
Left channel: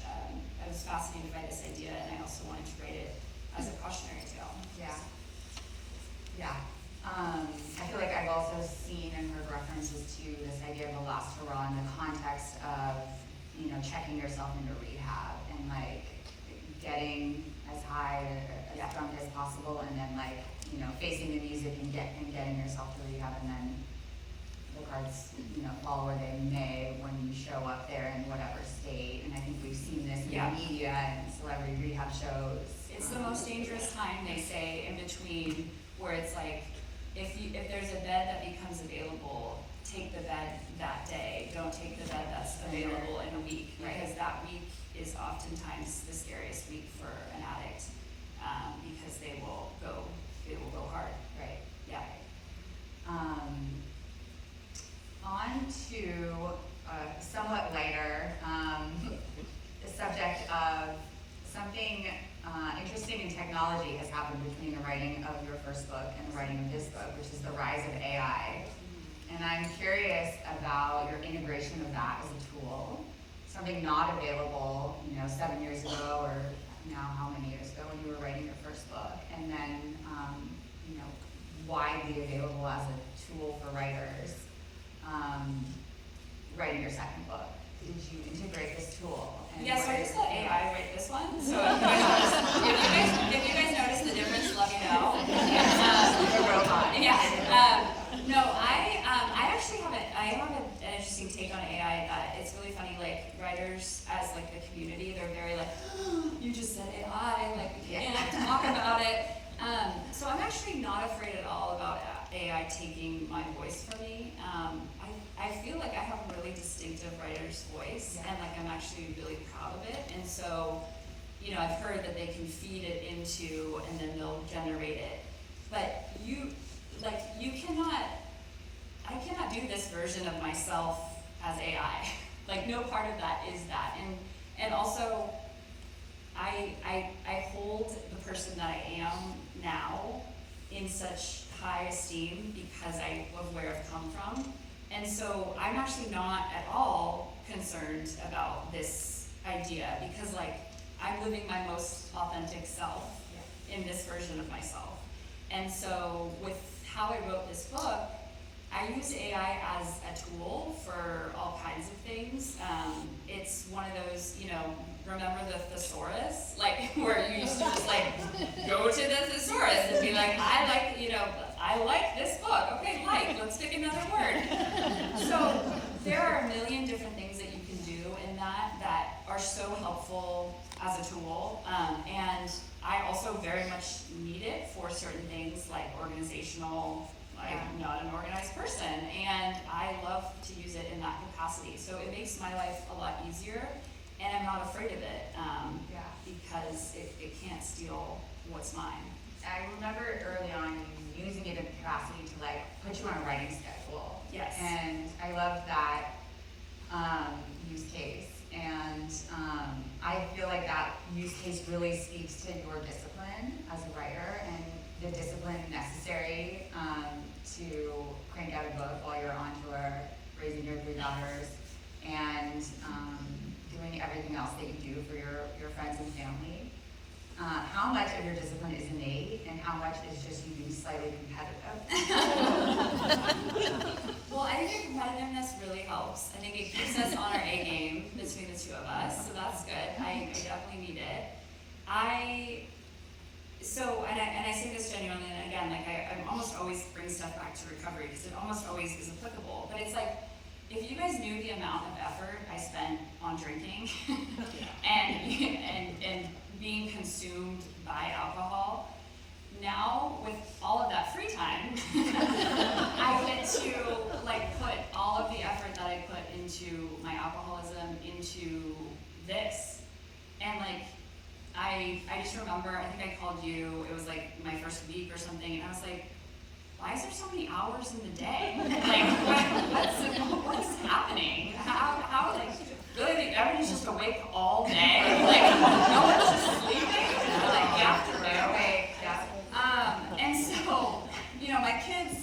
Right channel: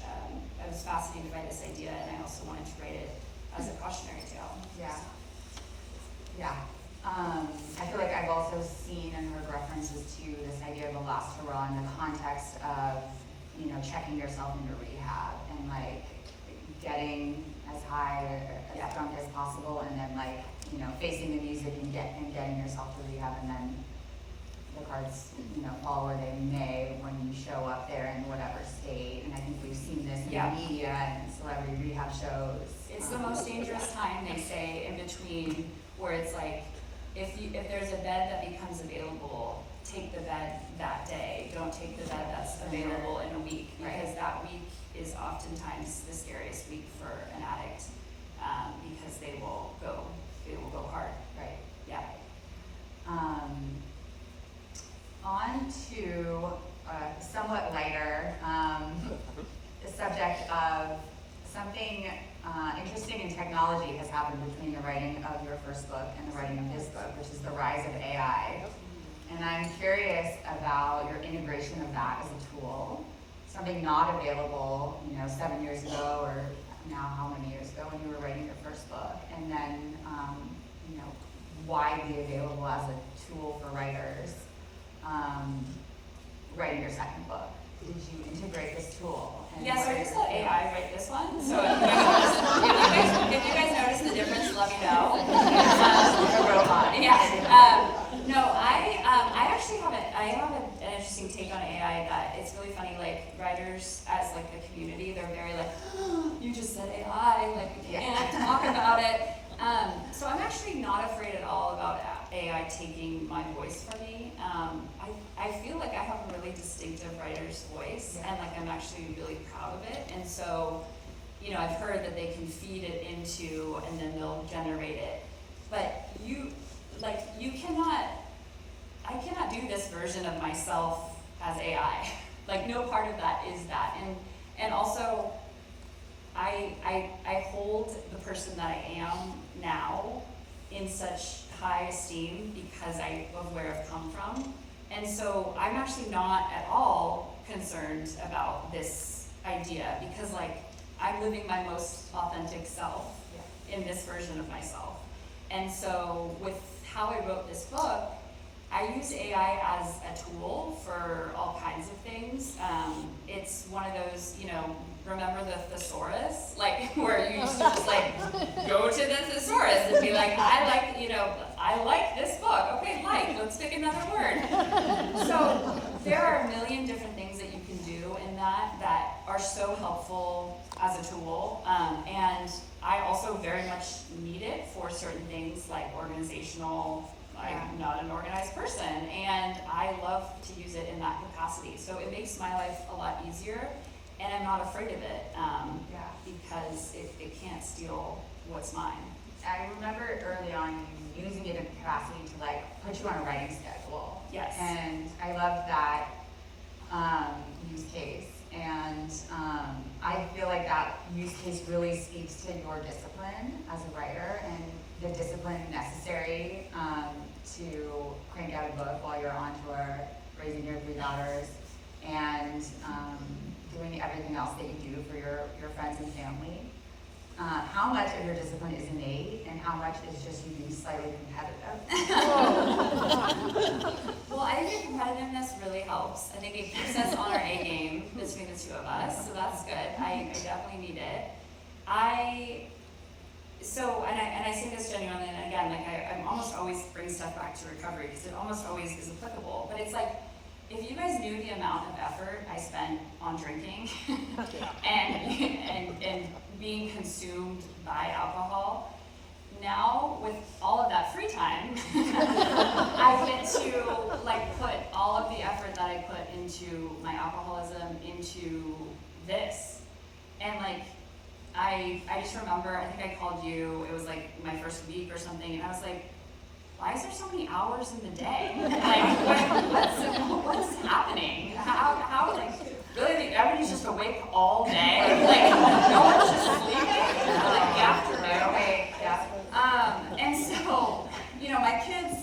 I was fascinated by this idea, and I also wanted to write it as a cautionary tale. Yeah. Yeah. I feel like I've also seen and heard references to this idea of a last hurrah in the context of, checking yourself into rehab and getting as high or as drunk as possible, and then facing the music and getting yourself to rehab, and then the cards, fall where they may when you show up there in whatever state. And I think we've seen this in the media and celebrity rehab shows. It's the most dangerous time, they say, in between, where it's if there's a bed that becomes available, take the bed that day. Don't take the bed that's available in a week, because that week is oftentimes the scariest week for an addict, because they will go hard. Right. Yeah. On to somewhat lighter, the subject of something interesting in technology has happened between the writing of your first book and the writing of this book, which is the rise of AI. And I'm curious about your integration of that as a tool, something not available, 7 years ago, or now how many years ago when you were writing your first book, and then, widely available as a tool for writers, writing your second book. Did you integrate this tool? Yeah, so I just let AI write this one. So if you guys notice the difference, let me know. A robot. Yeah. No, I actually have an interesting take on AI that it's really funny. Writers as the community, they're very oh, you just said AI, we can't talk about it. So I'm actually not afraid at all about AI taking my voice from me. I feel like I have a really distinctive writer's voice, and I'm actually really proud of it. And so, I've heard that they can feed it into, and then they'll generate it. But I cannot do this version of myself as AI. No part of that is that. And also, I hold the person that I am now in such high esteem because of where I've come from. And so I'm actually not at all concerned about this idea, because I'm living my most authentic self in this version of myself. And so with how I wrote this book, I use AI as a tool for all kinds of things. It's one of those, remember the thesaurus? Like, where you used to just like, go to the thesaurus and be like, I like this book. Okay, let's pick another word. So there are a million different things that you can do in that are so helpful as a tool. And I also very much need it for certain things like organizational. I'm not an organized person, and I love to use it in that capacity. So it makes my life a lot easier, and I'm not afraid of it because it can't steal what's mine. I remember early on you using it in capacity to like put you on a writing schedule. Yes. And I love that use case. And I feel like that use case really speaks to your discipline as a writer and the discipline necessary to crank out a book while you're on tour, raising your 3 daughters, and doing everything else that you do for your friends and family. How much of your discipline is innate and how much is just you being slightly competitive? Well, I think your competitiveness really helps. I think it keeps us on our A game between the two of us, so that's good. I definitely need it. I say this genuinely, and again, like I almost always bring stuff back to recovery because it almost always is applicable. But it's like, if you guys knew the amount of effort I spent on drinking and being consumed by alcohol, now with all of that free time, I get to like put all of the effort that I put into my alcoholism into this, and like. I just remember, I think I called you, it was like my first week or something, and I was like, why is there so many hours in the day? Like, what's happening? How, like, really, everybody's just awake all day? Like, no one's just sleeping for like the afternoon? And so, my kids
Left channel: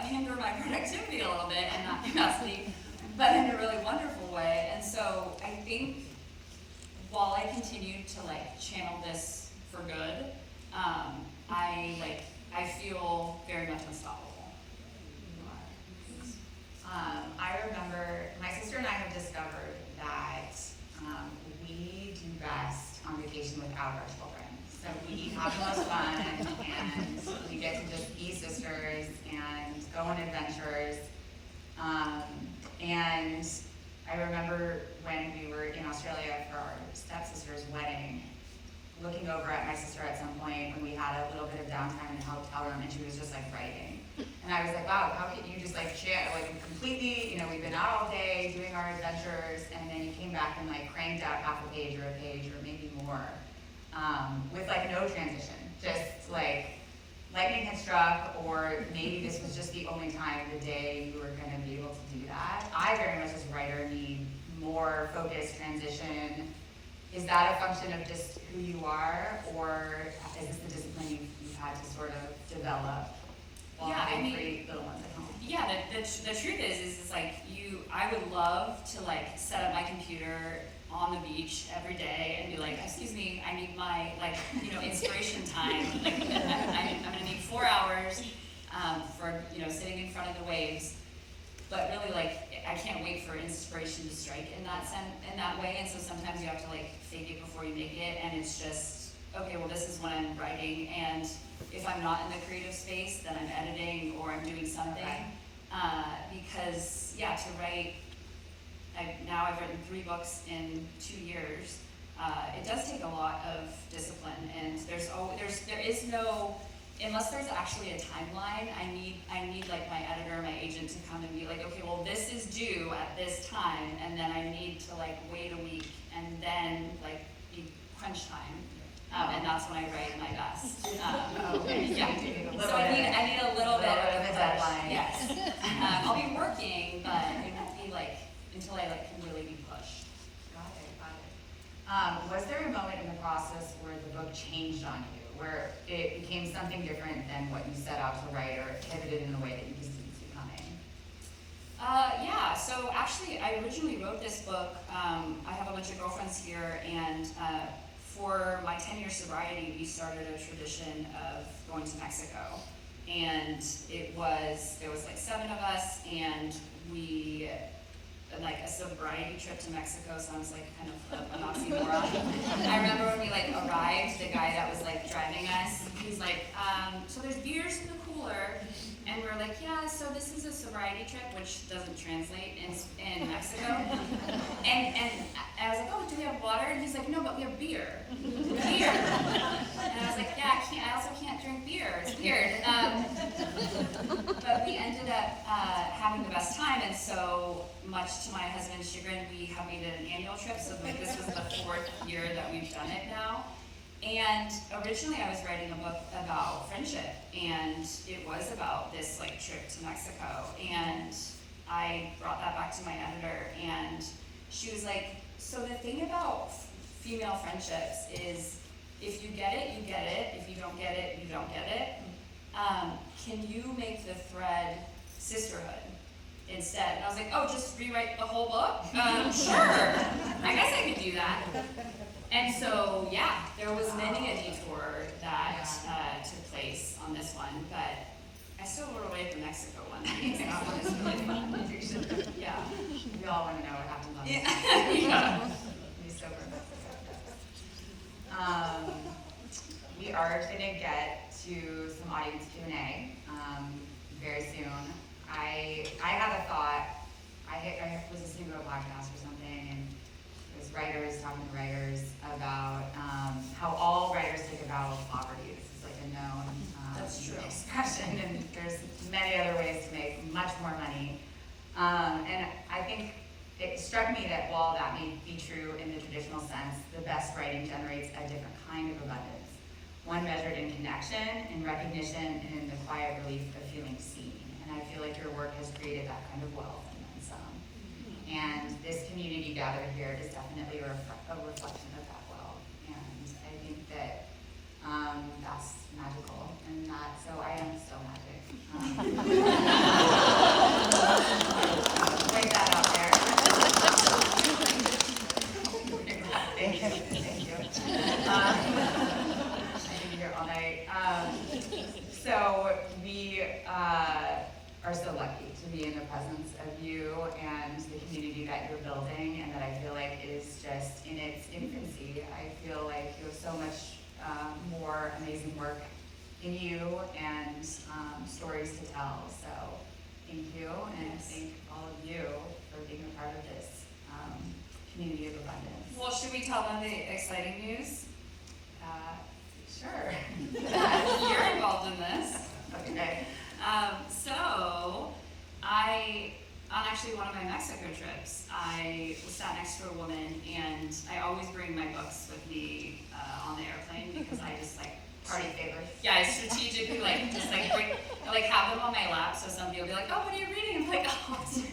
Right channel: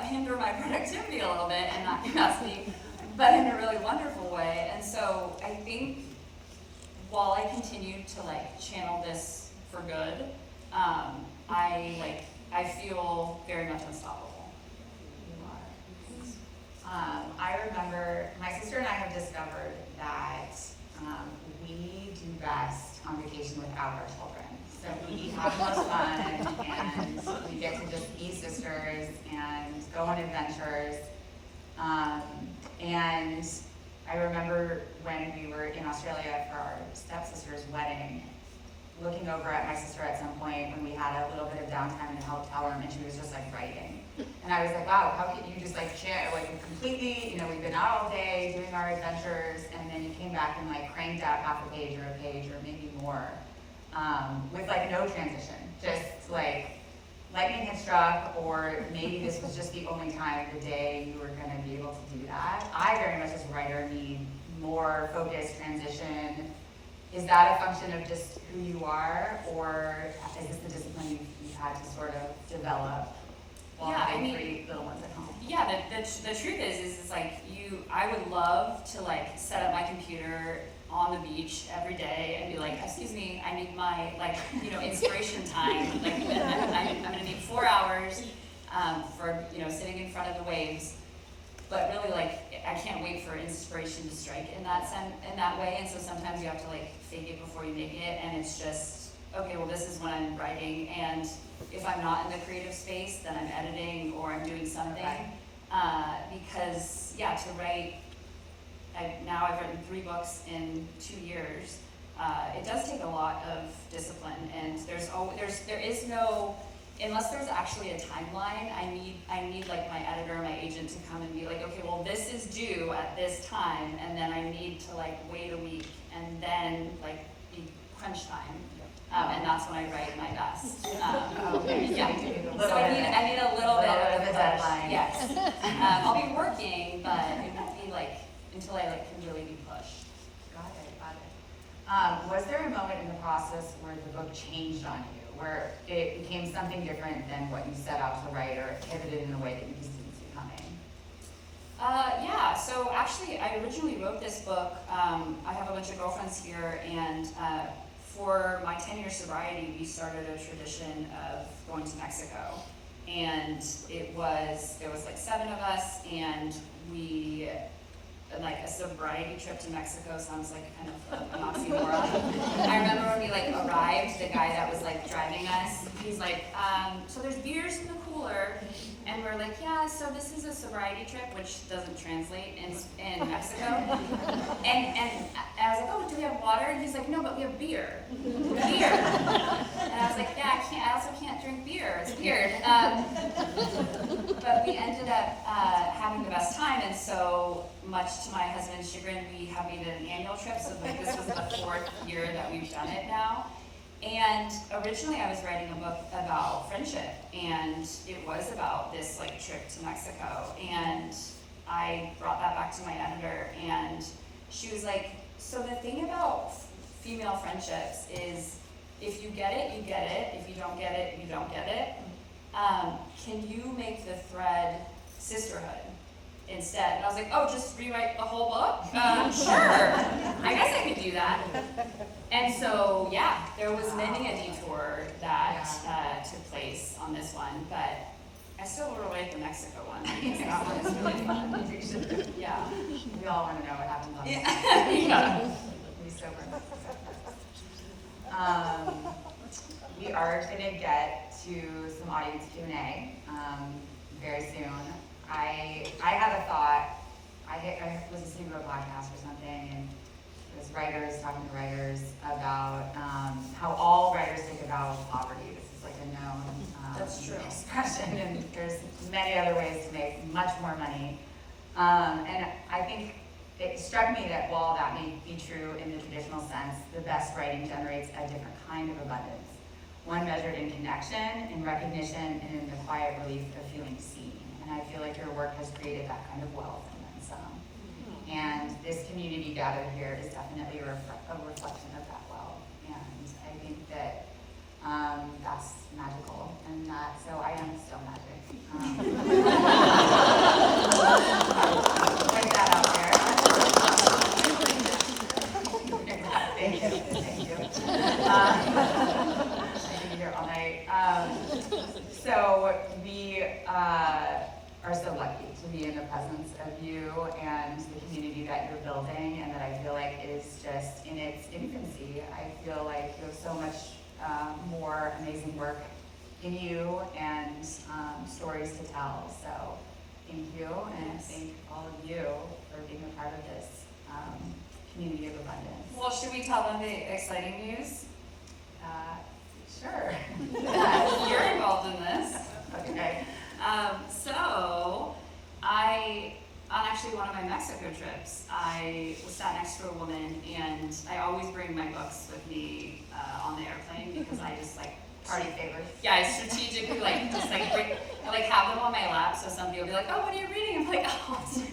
hinder my productivity a little bit and that capacity, but in a really wonderful way. And so I think, while I continue to like channel this for good, I feel very much unstoppable. I remember my sister and I have discovered that we do best on vacation without our children. So we have the most fun, and we get to just be sisters and go on adventures. And I remember when we were in Australia for our stepsister's wedding, looking over at my sister at some point when we had a little bit of downtime in the hotel room, and she was just like writing. And I was like, wow, how can you just like share, like completely, we've been out all day doing our adventures, and then you came back and like cranked out half a page or maybe more, with like no transition, just like lightning had struck, or maybe this was just the only time of the day you were going to be able to do that. I very much as a writer need more focused transition. Is that a function of just who you are, or is this the discipline you've had to sort of develop while having 3 little ones at home? Yeah, the truth is like I would love to like set up my computer on the beach every day and be like, excuse me, I need my inspiration time. Like I'm gonna need 4 hours for sitting in front of the waves. But really, like, I can't wait for inspiration to strike in that way. And so sometimes you have to like fake it before you make it, and it's just okay. Well, this is when I'm writing, and if I'm not in the creative space, then I'm editing or I'm doing something. Because to write. I've written 3 books in 2 years. It does take a lot of discipline, and there is no, unless there's actually a timeline. I need like my editor, my agent to come and be like, okay, well this is due at this time, and then I need to like wait a week, and then like be crunch time, and that's when I write my best. So I need a little bit of a deadline. Yes, I'll be working, but it won't be like until I like can really be pushed. Got it. Was there a moment in the process where the book changed on you, where it became something different than what you set out to write, or it pivoted in a way that you just didn't see coming? So actually I originally wrote this book, I have a bunch of girlfriends here, and for my 10-year sobriety, we started a tradition of going to Mexico. And there was like 7 of us, and like a sobriety trip to Mexico sounds like kind of an oxymoron. I remember when we like arrived, the guy that was like driving us, he's like, so there's beers in the cooler, and we're like, yeah, so this is a sobriety trip, which doesn't translate in Mexico. And I was like, oh, do we have water? And he's like, no, but we have beer. Beer. And I was like, yeah, I also can't drink beer. It's weird. But we ended up having the best time, and so much to my husband's chagrin, we have made it an annual trip, so this was the 4th year that we've done it now. And originally I was writing a book about friendship, and it was about this like trip to Mexico, and I brought that back to my editor, and she was like, so the thing about female friendships is if you get it, you get it. If you don't get it, you don't get it. Can you make the thread sisterhood instead? And I was like, oh, just rewrite the whole book? Sure, I guess I could do that. And so, yeah, there was many a detour that took place on this one, but I still wrote away the Mexico one. That one is really fun. Yeah. We all want to know what happens on this. Yeah. Be sober. We are going to get to some audience Q&A very soon. I had a thought. I was listening to a podcast or something, and it was writers talking to writers about how all writers take a vow of poverty. This is like a known That's true. expression, and there's many other ways to make much more money. And I think it struck me that while that may be true in the traditional sense, the best writing generates a different kind of abundance. One measured in connection, in recognition, and in the quiet relief of feeling seen. And I feel like your work has created that kind of wealth and then some. And this community gathered here is definitely a reflection of that wealth. And I think that that's magical. And so I am so magic. Put that out there. Thank you. Thank you. I could be here all night. So we are so lucky to be in the presence of you and the community that you're building, and that I feel like is just in its infancy. I feel like you have so much more amazing work in you and stories to tell. So thank you, and thank all of you for being a part of this community of abundance. Well, should we tell them the exciting news? Sure. You're involved in this. Okay. So, on actually one of my Mexico trips, I was sat next to a woman, and I always bring my books with me on the airplane because I just like Party favors. yeah, I strategically just have them on my lap, so somebody will be like, oh, what are you reading? I'm like, oh, it's just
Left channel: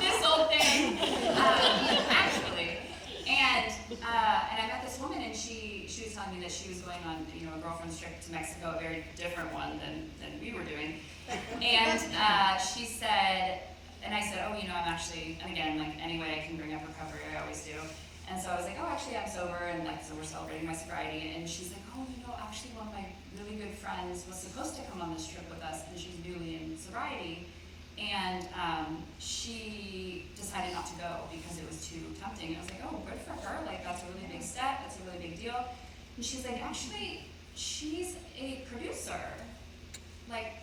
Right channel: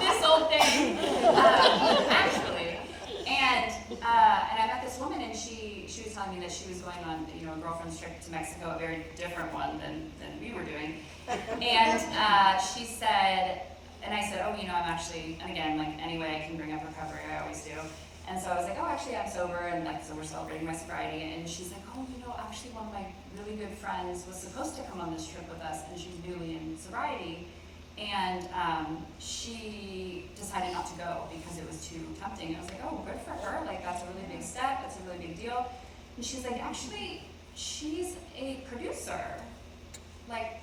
this old thing, actually. And I met this woman, and she was telling me that she was going on a girlfriend's trip to Mexico, a very different one than we were doing. And she said, and I said, oh, I'm actually, and again, like any way I can bring up recovery, I always do. And so I was like, oh, actually I'm sober, and so we're celebrating my sobriety. And she's like, oh, actually one of my really good friends was supposed to come on this trip with us, and she's newly in sobriety. And she decided not to go because it was too tempting. I was like, oh, good for her. Like, that's a really big step. That's a really big deal. And she's like, actually, she's a producer, like,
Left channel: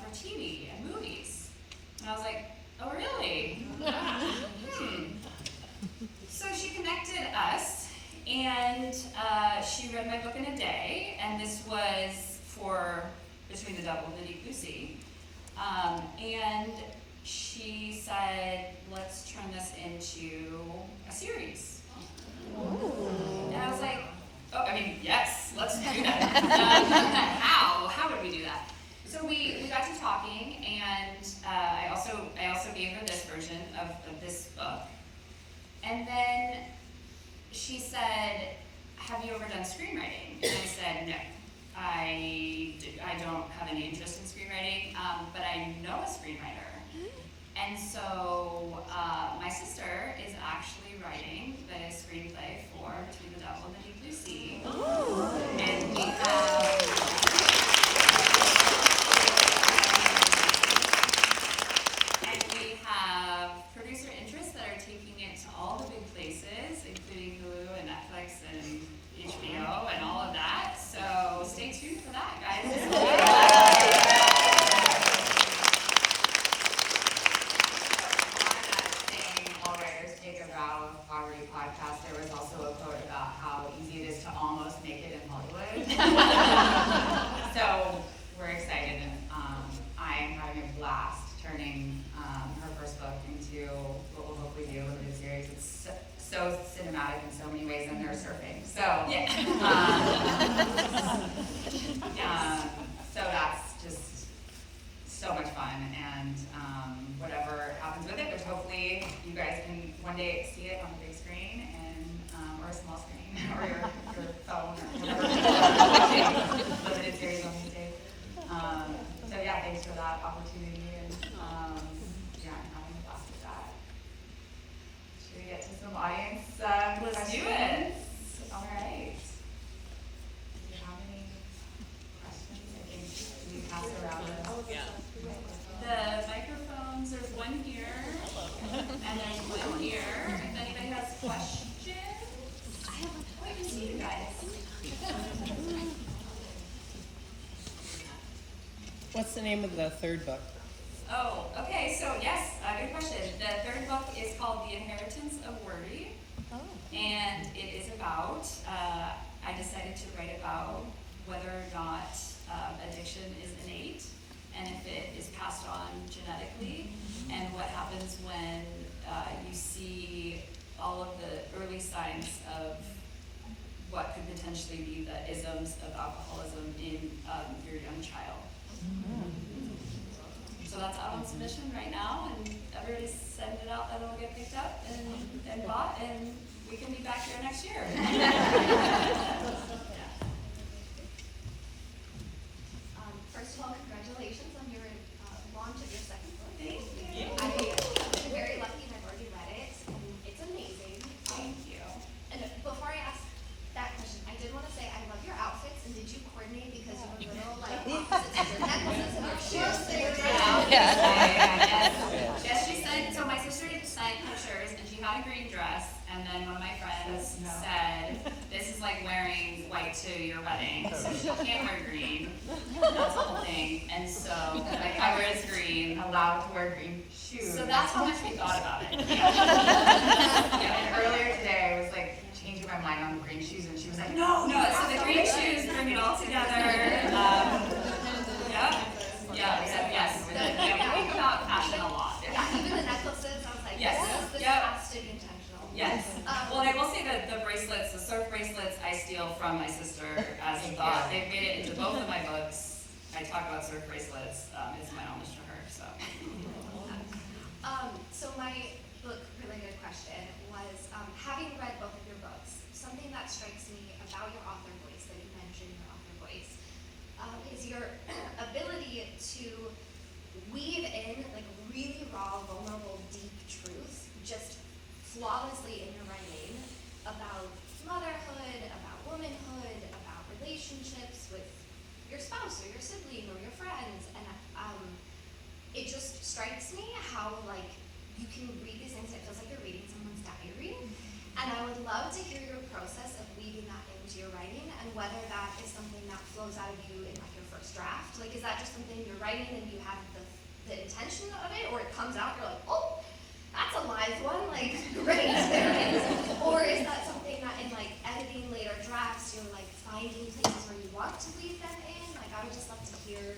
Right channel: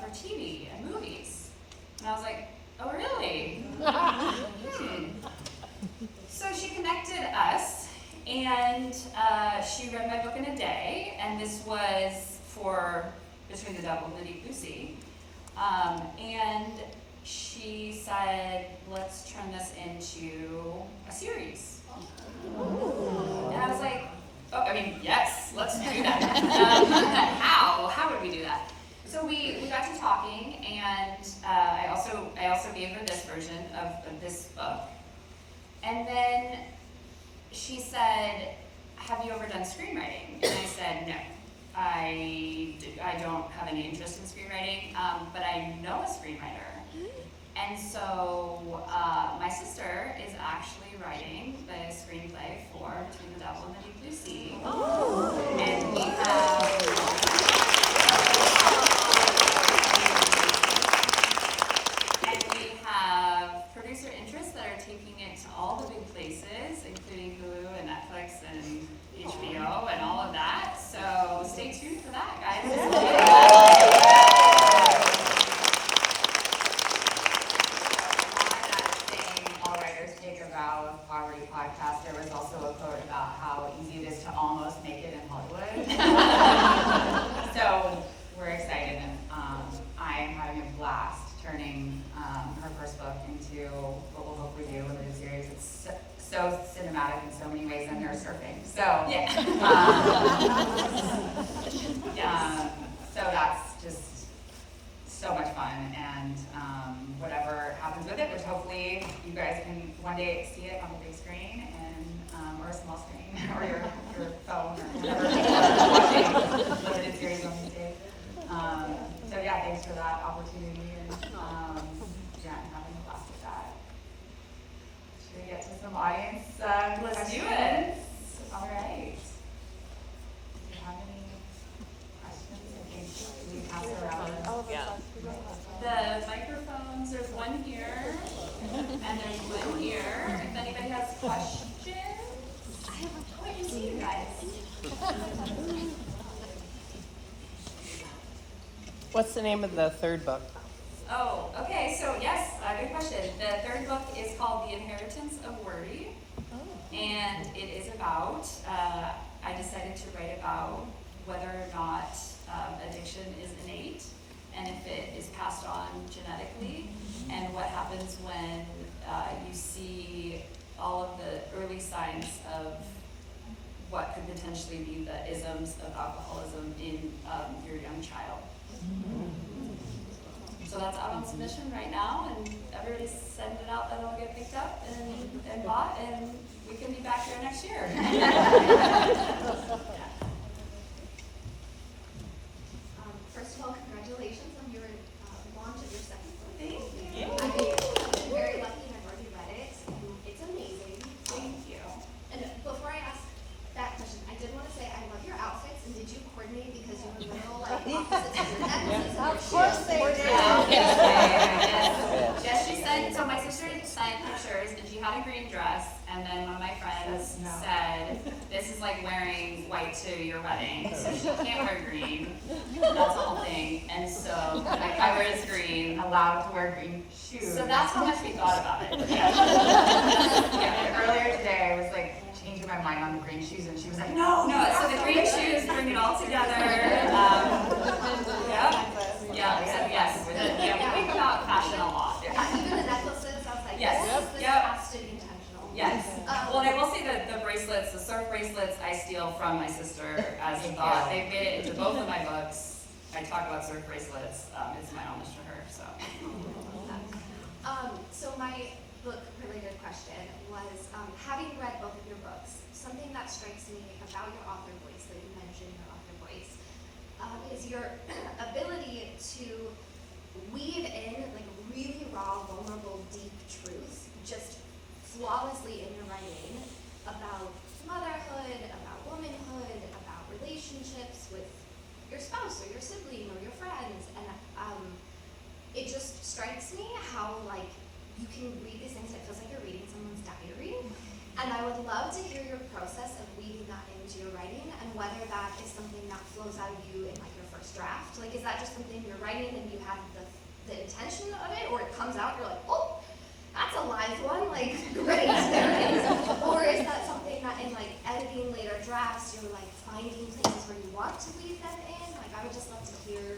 for TV and movies. And I was like, oh, really? So she connected us, and she read my book in a day, and this was for Between the Devil and the Deep Blue Sea. And she said, let's turn this into a series. And I was like, oh, yes, let's do that. How would we do that? So we got to talking, and I also gave her this version of this book. And then she said, have you ever done screenwriting? And I said, no. I don't have any interest in screenwriting, but I know a screenwriter. And so my sister is actually writing the screenplay for Between the Devil and the Deep Blue Sea. And we have producer interests that are taking it to all the big places, including Hulu and Netflix and HBO and all of that. So stay tuned for that, guys. Podcast, there was also a quote about how easy it is to almost make it in Hollywood. So we're excited, and I'm having a blast turning her first book into what we'll hopefully be a limited series. It's so cinematic in so many ways, and they're surfing. So yeah. So that's just so much fun, and whatever happens with it, which hopefully you guys can one day see it on the big screen and or a small screen or your phone or whatever limited series on these days. So yeah, thanks for that opportunity, and yeah, I'm having a blast with that. Should we get to some audience Let's questions? do it. All right. Do you have any questions? I think we pass around. The microphones, there's one here, and there's one here. If anybody has questions, wait to see you guys. What's the name of the third book? Oh, okay, so yes, good question. The third book is called The Inheritance of Worry, and it is about, I decided to write about whether or not addiction is innate, and if it is passed on genetically, and what happens when you see all of the early signs of what could potentially be the isms of alcoholism in your young child. So that's out on submission right now, and everybody's sending it out that it'll get picked up and bought, and we can be back here next year. First of all, congratulations on your launch of your second book. Thank you. I've been very lucky and I've already read it. It's amazing. Thank you. And before I ask that question, I did want to say I love your outfits. And did you coordinate because you were little like opposites of your necklaces? Of course they did. Yes, she sent, so my sister sent pictures, and she had a green dress, and then one of my friends said, this is like wearing white to your wedding, so she can't wear green. That's the whole thing, and so my cover is green. Allowed to wear green shoes. So that's how much we thought about it. And earlier today, I was like changing my mind on the green shoes, and she was like, no. No, so the green shoes bring it all together. Yeah, we said yes. Yeah, we think about fashion a lot. Even the necklaces, I was like, Yes. this Yep. has to be intentional. Yes. Well, I will say that the bracelets, the surf bracelets, I steal from my sister as a thought. They've made it into both of my books. I talk about surf bracelets. It's my homage to her. So. So my book-related question was, having read both of your books, something that strikes me about your author voice that you mentioned, your author voice, is your ability to weave in like really raw, vulnerable, deep truth, just flawlessly in your writing about motherhood, about womanhood, about relationships with your spouse or your sibling or your friends, and it just strikes me how like you can read these things. It feels like you're reading someone's diary, and I would love to hear your process of weaving that into your writing, and whether that is something that flows out of you in like your first draft. Like, is that just something you're writing and you have the intention of it, or it comes out, you're like, oh, that's a live one, like, great, there it is. Or is that something that in like editing later drafts, you're like finding places where you want to weave them in? Like, I would just love to hear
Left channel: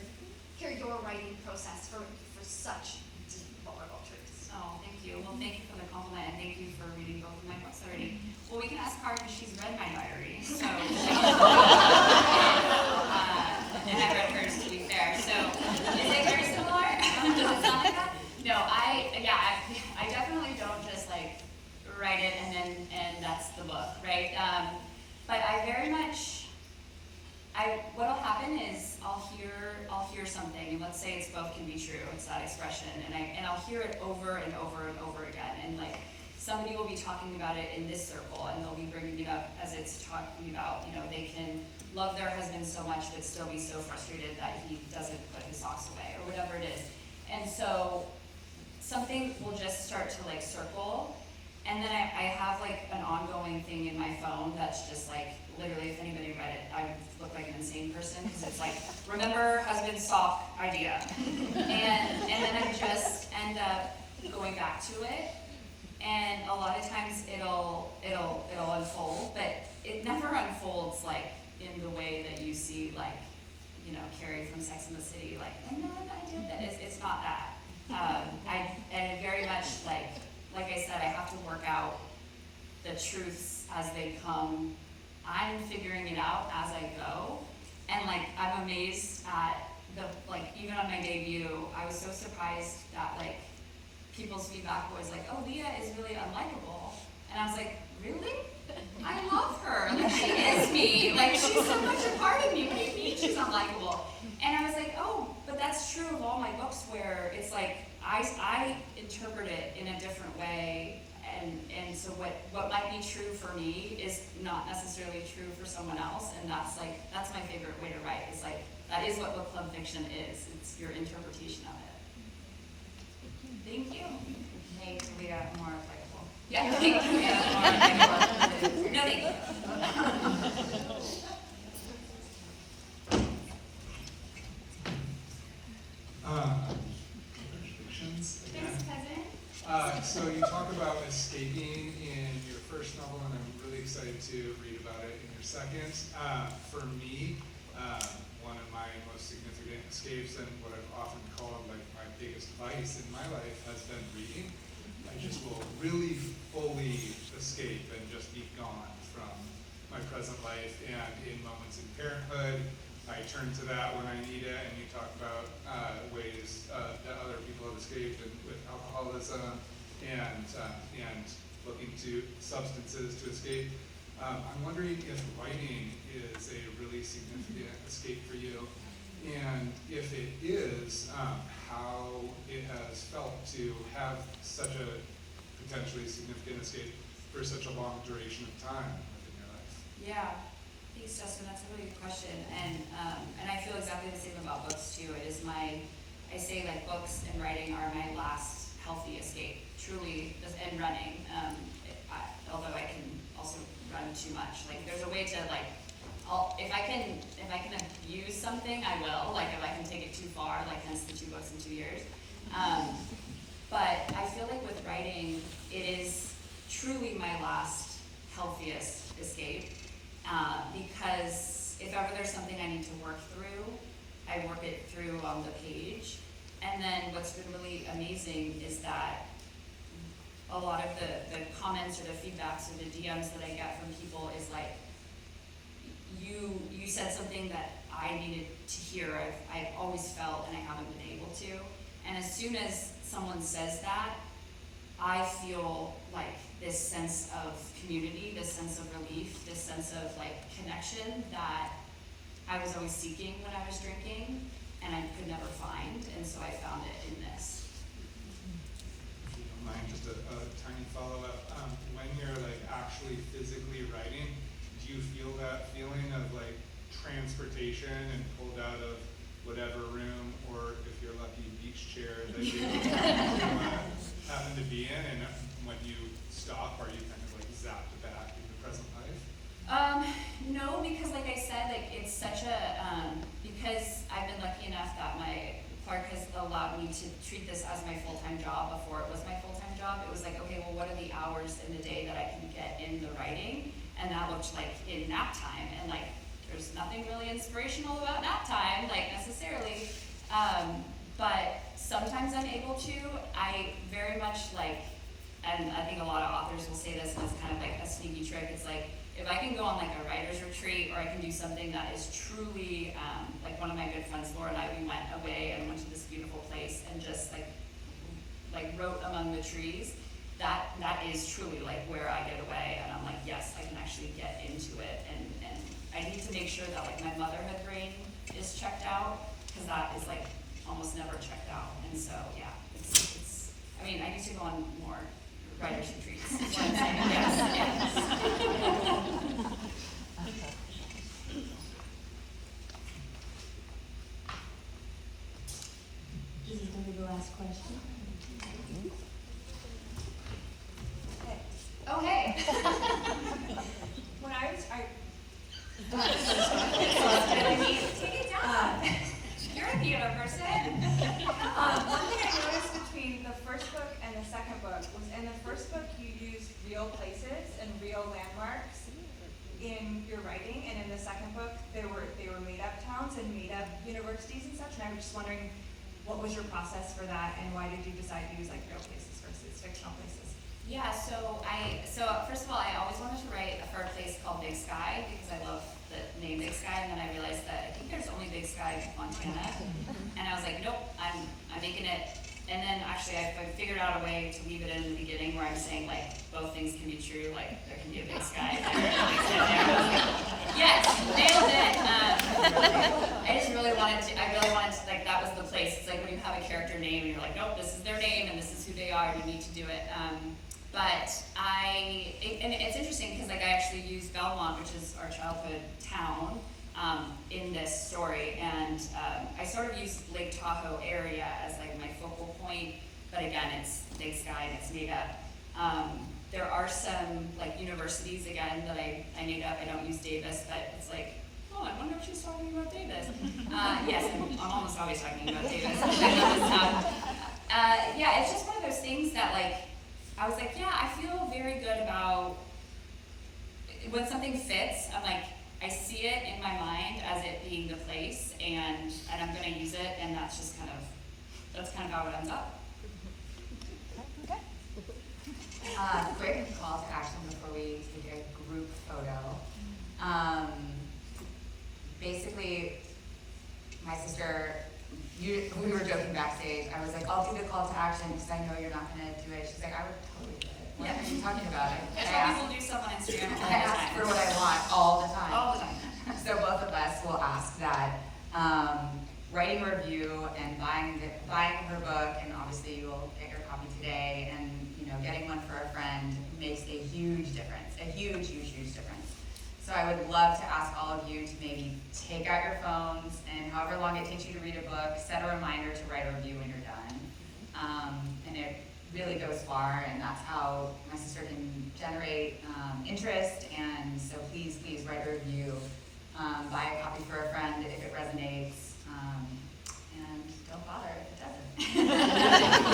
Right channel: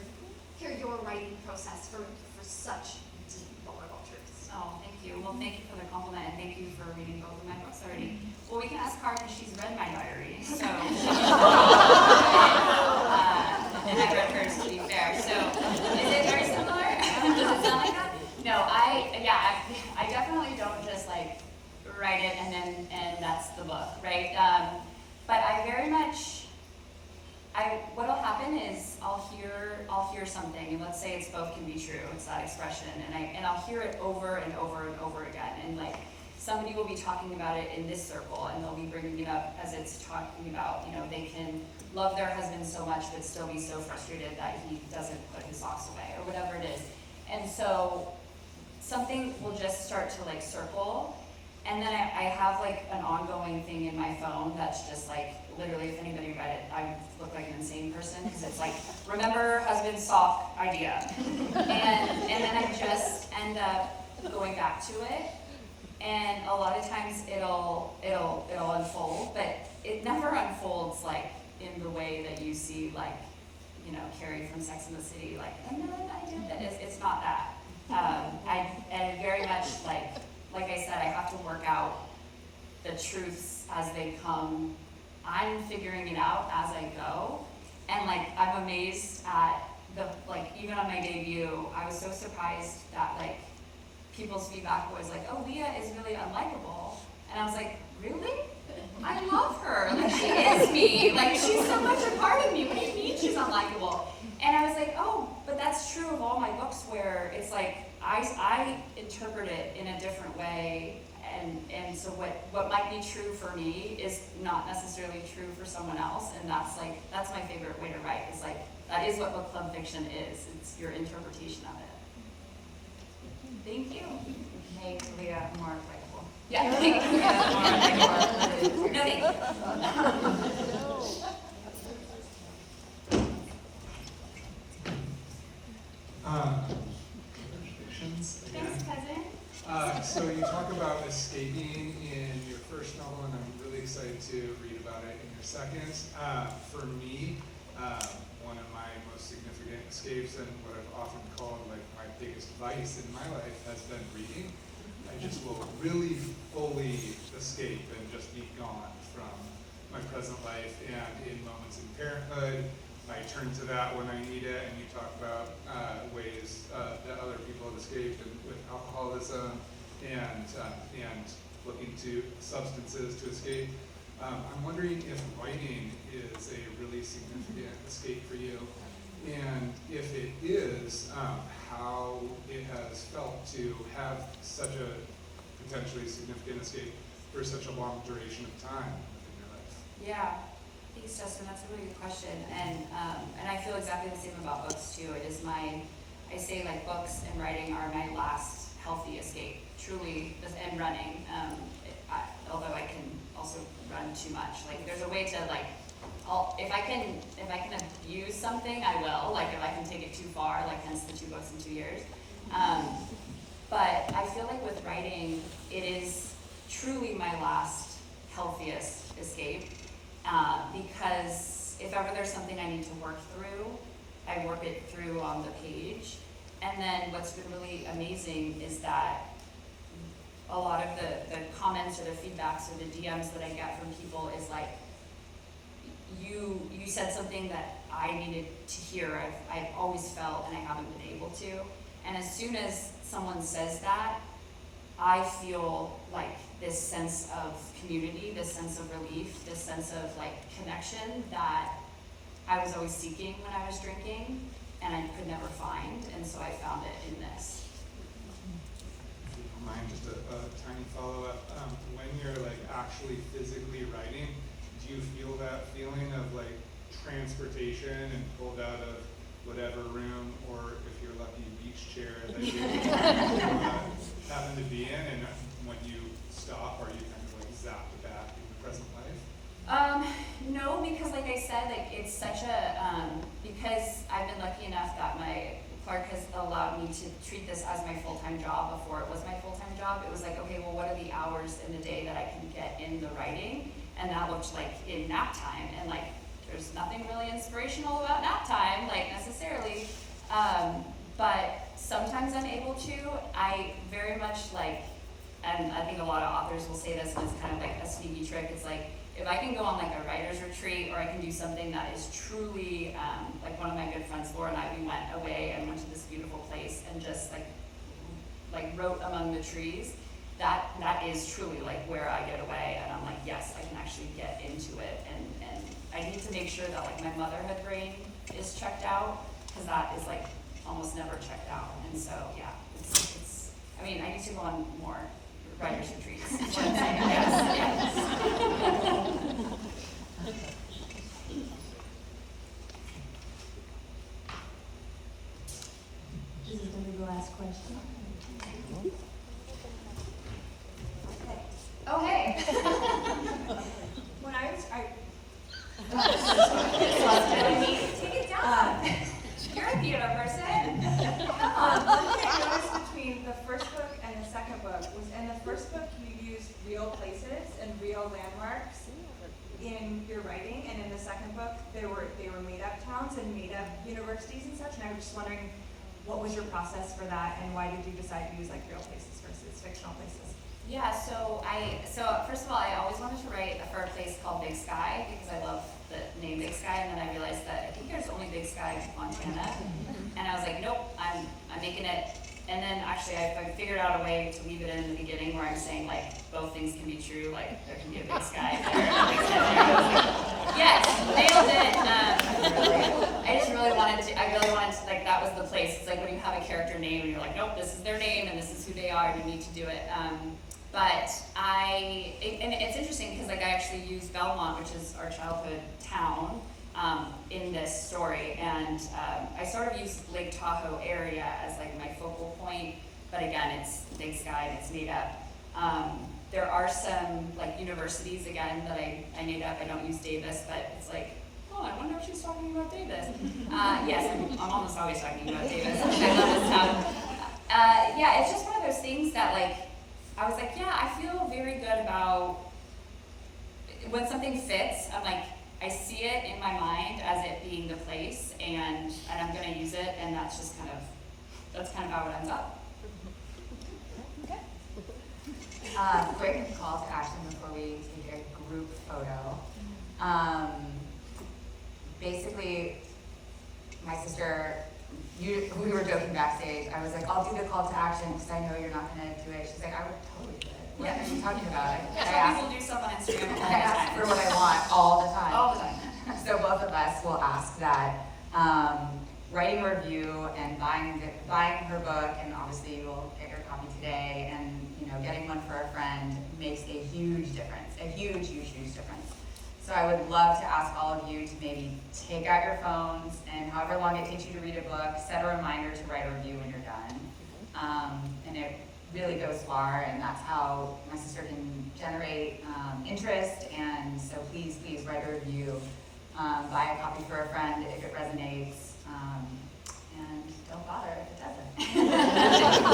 your writing process for such deep, vulnerable truths. Oh, thank you. Well, thank you for the compliment, and thank you for reading both of my books already. Well, we can ask Cara because she's read my diary, so. And I read hers, to be fair. So, is it very similar? Does it sound like that? No, I definitely don't just like write it and that's the book, right? But I very much. What'll happen is I'll hear something, and let's say it's both can be true. It's that expression, and I'll hear it over and over and over again, and like somebody will be talking about it in this circle, and they'll be bringing it up as it's talking about, you know, they can love their husband so much but still be so frustrated that he doesn't put his socks away, or whatever it is. And so something will just start to like circle, and then I have like an ongoing thing in my phone that's just like, literally, if anybody read it, I would look like an insane person, because it's like, remember husband's sock idea. And then I just end up going back to it, and a lot of times it'll unfold, but it never unfolds like in the way that you see, like, you know, Carrie from Sex and the City, like, and then I did that. It's not that. I very much like I said, I have to work out the truths as they come. I'm figuring it out as I go, and like I'm amazed at the, like, even on my debut, I was so surprised that like people's feedback was like, oh, Leah is really unlikable, and I was like, really? I love her, like she is me, like she's so much a part of me. What do you mean she's unlikable? And I was like, oh, but that's true of all my books, where it's like I interpret it in a different way. And so what might be true for me is not necessarily true for someone else, and that's my favorite way to write, is like, that is what book club fiction is. It's your interpretation of it. Thank you. Make Leah more likable. Yeah, thank you. No, thank you. Congratulations again. Thanks, cousin. So you talk about escaping in your first novel, and I'm really excited to read about it in your second. For me, one of my most significant escapes, and what I've often called like my biggest vice in my life, has been reading. I just will really fully escape and just be gone from my present life, and in moments in parenthood, I turn to that when I need it. And you talk about ways that other people have escaped, and with alcoholism and looking to substances to escape. I'm wondering if writing is a really significant escape for you, and if it is, how it has felt to have such a potentially significant escape for such a long duration of time in your life. Yeah. Thanks, Justin. That's a really good question, and I feel exactly the same about books too. It is I say like books and writing are my last healthy escape, truly, and running. Although I can also run too much. Like there's a way to like, if I can abuse something, I will. Like if I can take it too far, like hence the 2 books in 2 years. But I feel like with writing, it is truly my last healthiest escape. Because if ever there's something I need to work through, I work it through on the page. And then what's been really amazing is that a lot of the comments or the feedbacks or the DMs that I get from people is like, you said something that I needed to hear. I've always felt and I haven't been able to. And as soon as someone says that, I feel like this sense of community, this sense of relief, this sense of like connection that I was always seeking when I was drinking and I could never find, and so I found it in this. If you don't mind, just a tiny follow-up. When you're like actually physically writing, do you feel that feeling of like transportation and pulled out of whatever room, or if you're lucky, beach chair that you happen to be in, and when you stop, are you kind of like zapped back in the present life? No, because like I said, like it's such a, because I've been lucky enough that Clark has allowed me to treat this as my full-time job. Before it was my full-time job, it was like, okay, well, what are the hours in the day that I can get in the writing? And that looked like in nap time, and like there's nothing really inspirational about nap time, like necessarily, but sometimes I'm able to. I very much like, and I think a lot of authors will say this, and it's kind of like a sneaky trick. It's like, if I can go on like a writer's retreat, or I can do something that is truly, like one of my good friends, Laura and I, we went away and went to this beautiful place and just like wrote among the trees. That is truly like where I get away, and I'm like, yes, I can actually get into it, and I need to make sure that like my motherhood brain is checked out, because that is like almost never checked out, and so yeah, it's I mean, I need to go on more writers' retreats. Is what I'm saying. Yes. This is gonna be the last question. Oh, hey. When I was, Take it down. You're a theater person. one thing I noticed between the first book and the second book was in the first book you used real places and real landmarks in your writing, and in the second book they were made up towns and made up universities and such. And I was just wondering, what was your process for that, and why did you decide to use like real places versus fictional places? Yeah, so first of all, I always wanted to write for a place called Big Sky because I love the name Big Sky, and then I realized that I think there's only Big Sky in Montana, and I was like, nope, I'm making it. And then actually I figured out a way to leave it in the beginning where I'm saying like both things can be true, like there can be a Big Sky there and a Big Sky there. Yes, nailed it. I really wanted to, like, that was the place. It's like when you have a character name and you're like, nope, this is their name and this is who they are, you need to do it. And it's interesting because like I actually used Belmont, which is our childhood town, in this story, and I sort of used Lake Tahoe area as like my focal point, but again, it's Big Sky and it's made up. There are some like universities again that I made up. I don't use Davis, but it's like, oh, I wonder if she's talking about Davis. Yes, I'm almost always talking about Davis. Yeah, it's just one of those things that like, I was like, yeah, I feel very good about when something fits. I'm like, I see it in my mind as it being the place, and I'm gonna use it, and that's kind of how it ends up. Quick call to action before we take a group photo. Basically, my sister, we were joking backstage. I was like, I'll do the call to action because I know you're not going to do it. She's like, I would totally do it. What are you talking about? I tell people do stuff on Instagram all the I ask time. for what I want all the time. All the time. So both of us will ask that. Writing a review and buying her book, and obviously you will get your copy today, and getting one for a friend makes a huge difference, a huge, huge, huge difference. So I would love to ask all of you to maybe take out your phones, and however long it takes you to read a book, set a reminder to write a review when you're done. And it really goes far, and that's how my sister can generate interest. And so please, please write a review. Buy a copy for a friend if it resonates, and don't bother if it doesn't.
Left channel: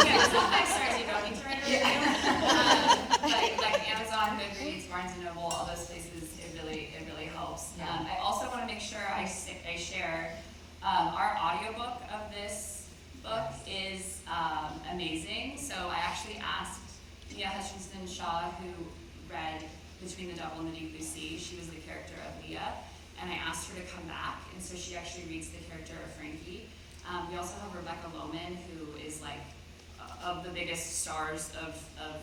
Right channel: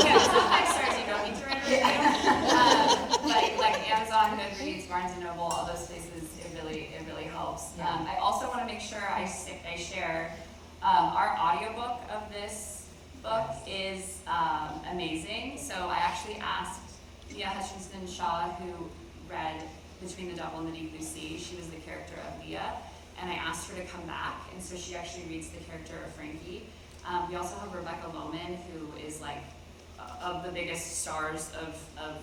Yeah, some 5 stars you don't need to write a review. But like Amazon, Goodreads, Barnes & Noble, all those places, it really helps. Yeah. I also want to make sure I share our audiobook of this book is amazing. So I actually asked Leah Hutchinson Shaw, who read Between the Devil and the Deep Blue Sea. She was the character of Leah. And I asked her to come back, and so she actually reads the character of Frankie. We also have Rebecca Loman, who is like of the biggest stars of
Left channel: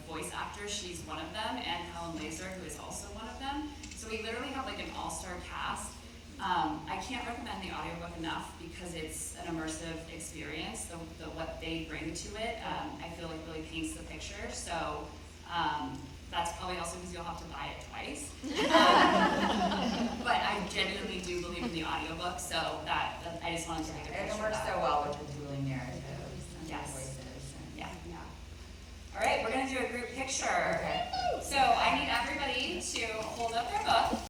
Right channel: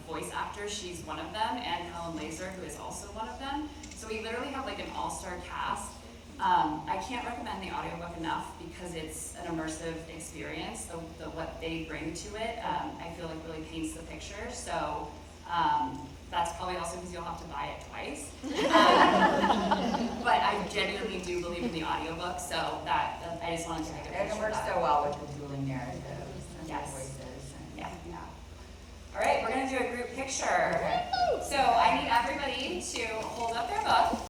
voice actors. She's one of them, and Helen Laser, who is also one of them. So we literally have like an all-star cast. I can't recommend the audiobook enough because it's an immersive experience. What they bring to it, I feel like really paints the picture. So that's probably also because you'll have to buy it twice. But I genuinely do believe in the audiobook, so that I just wanted to make a And it picture of works that. so well with the dueling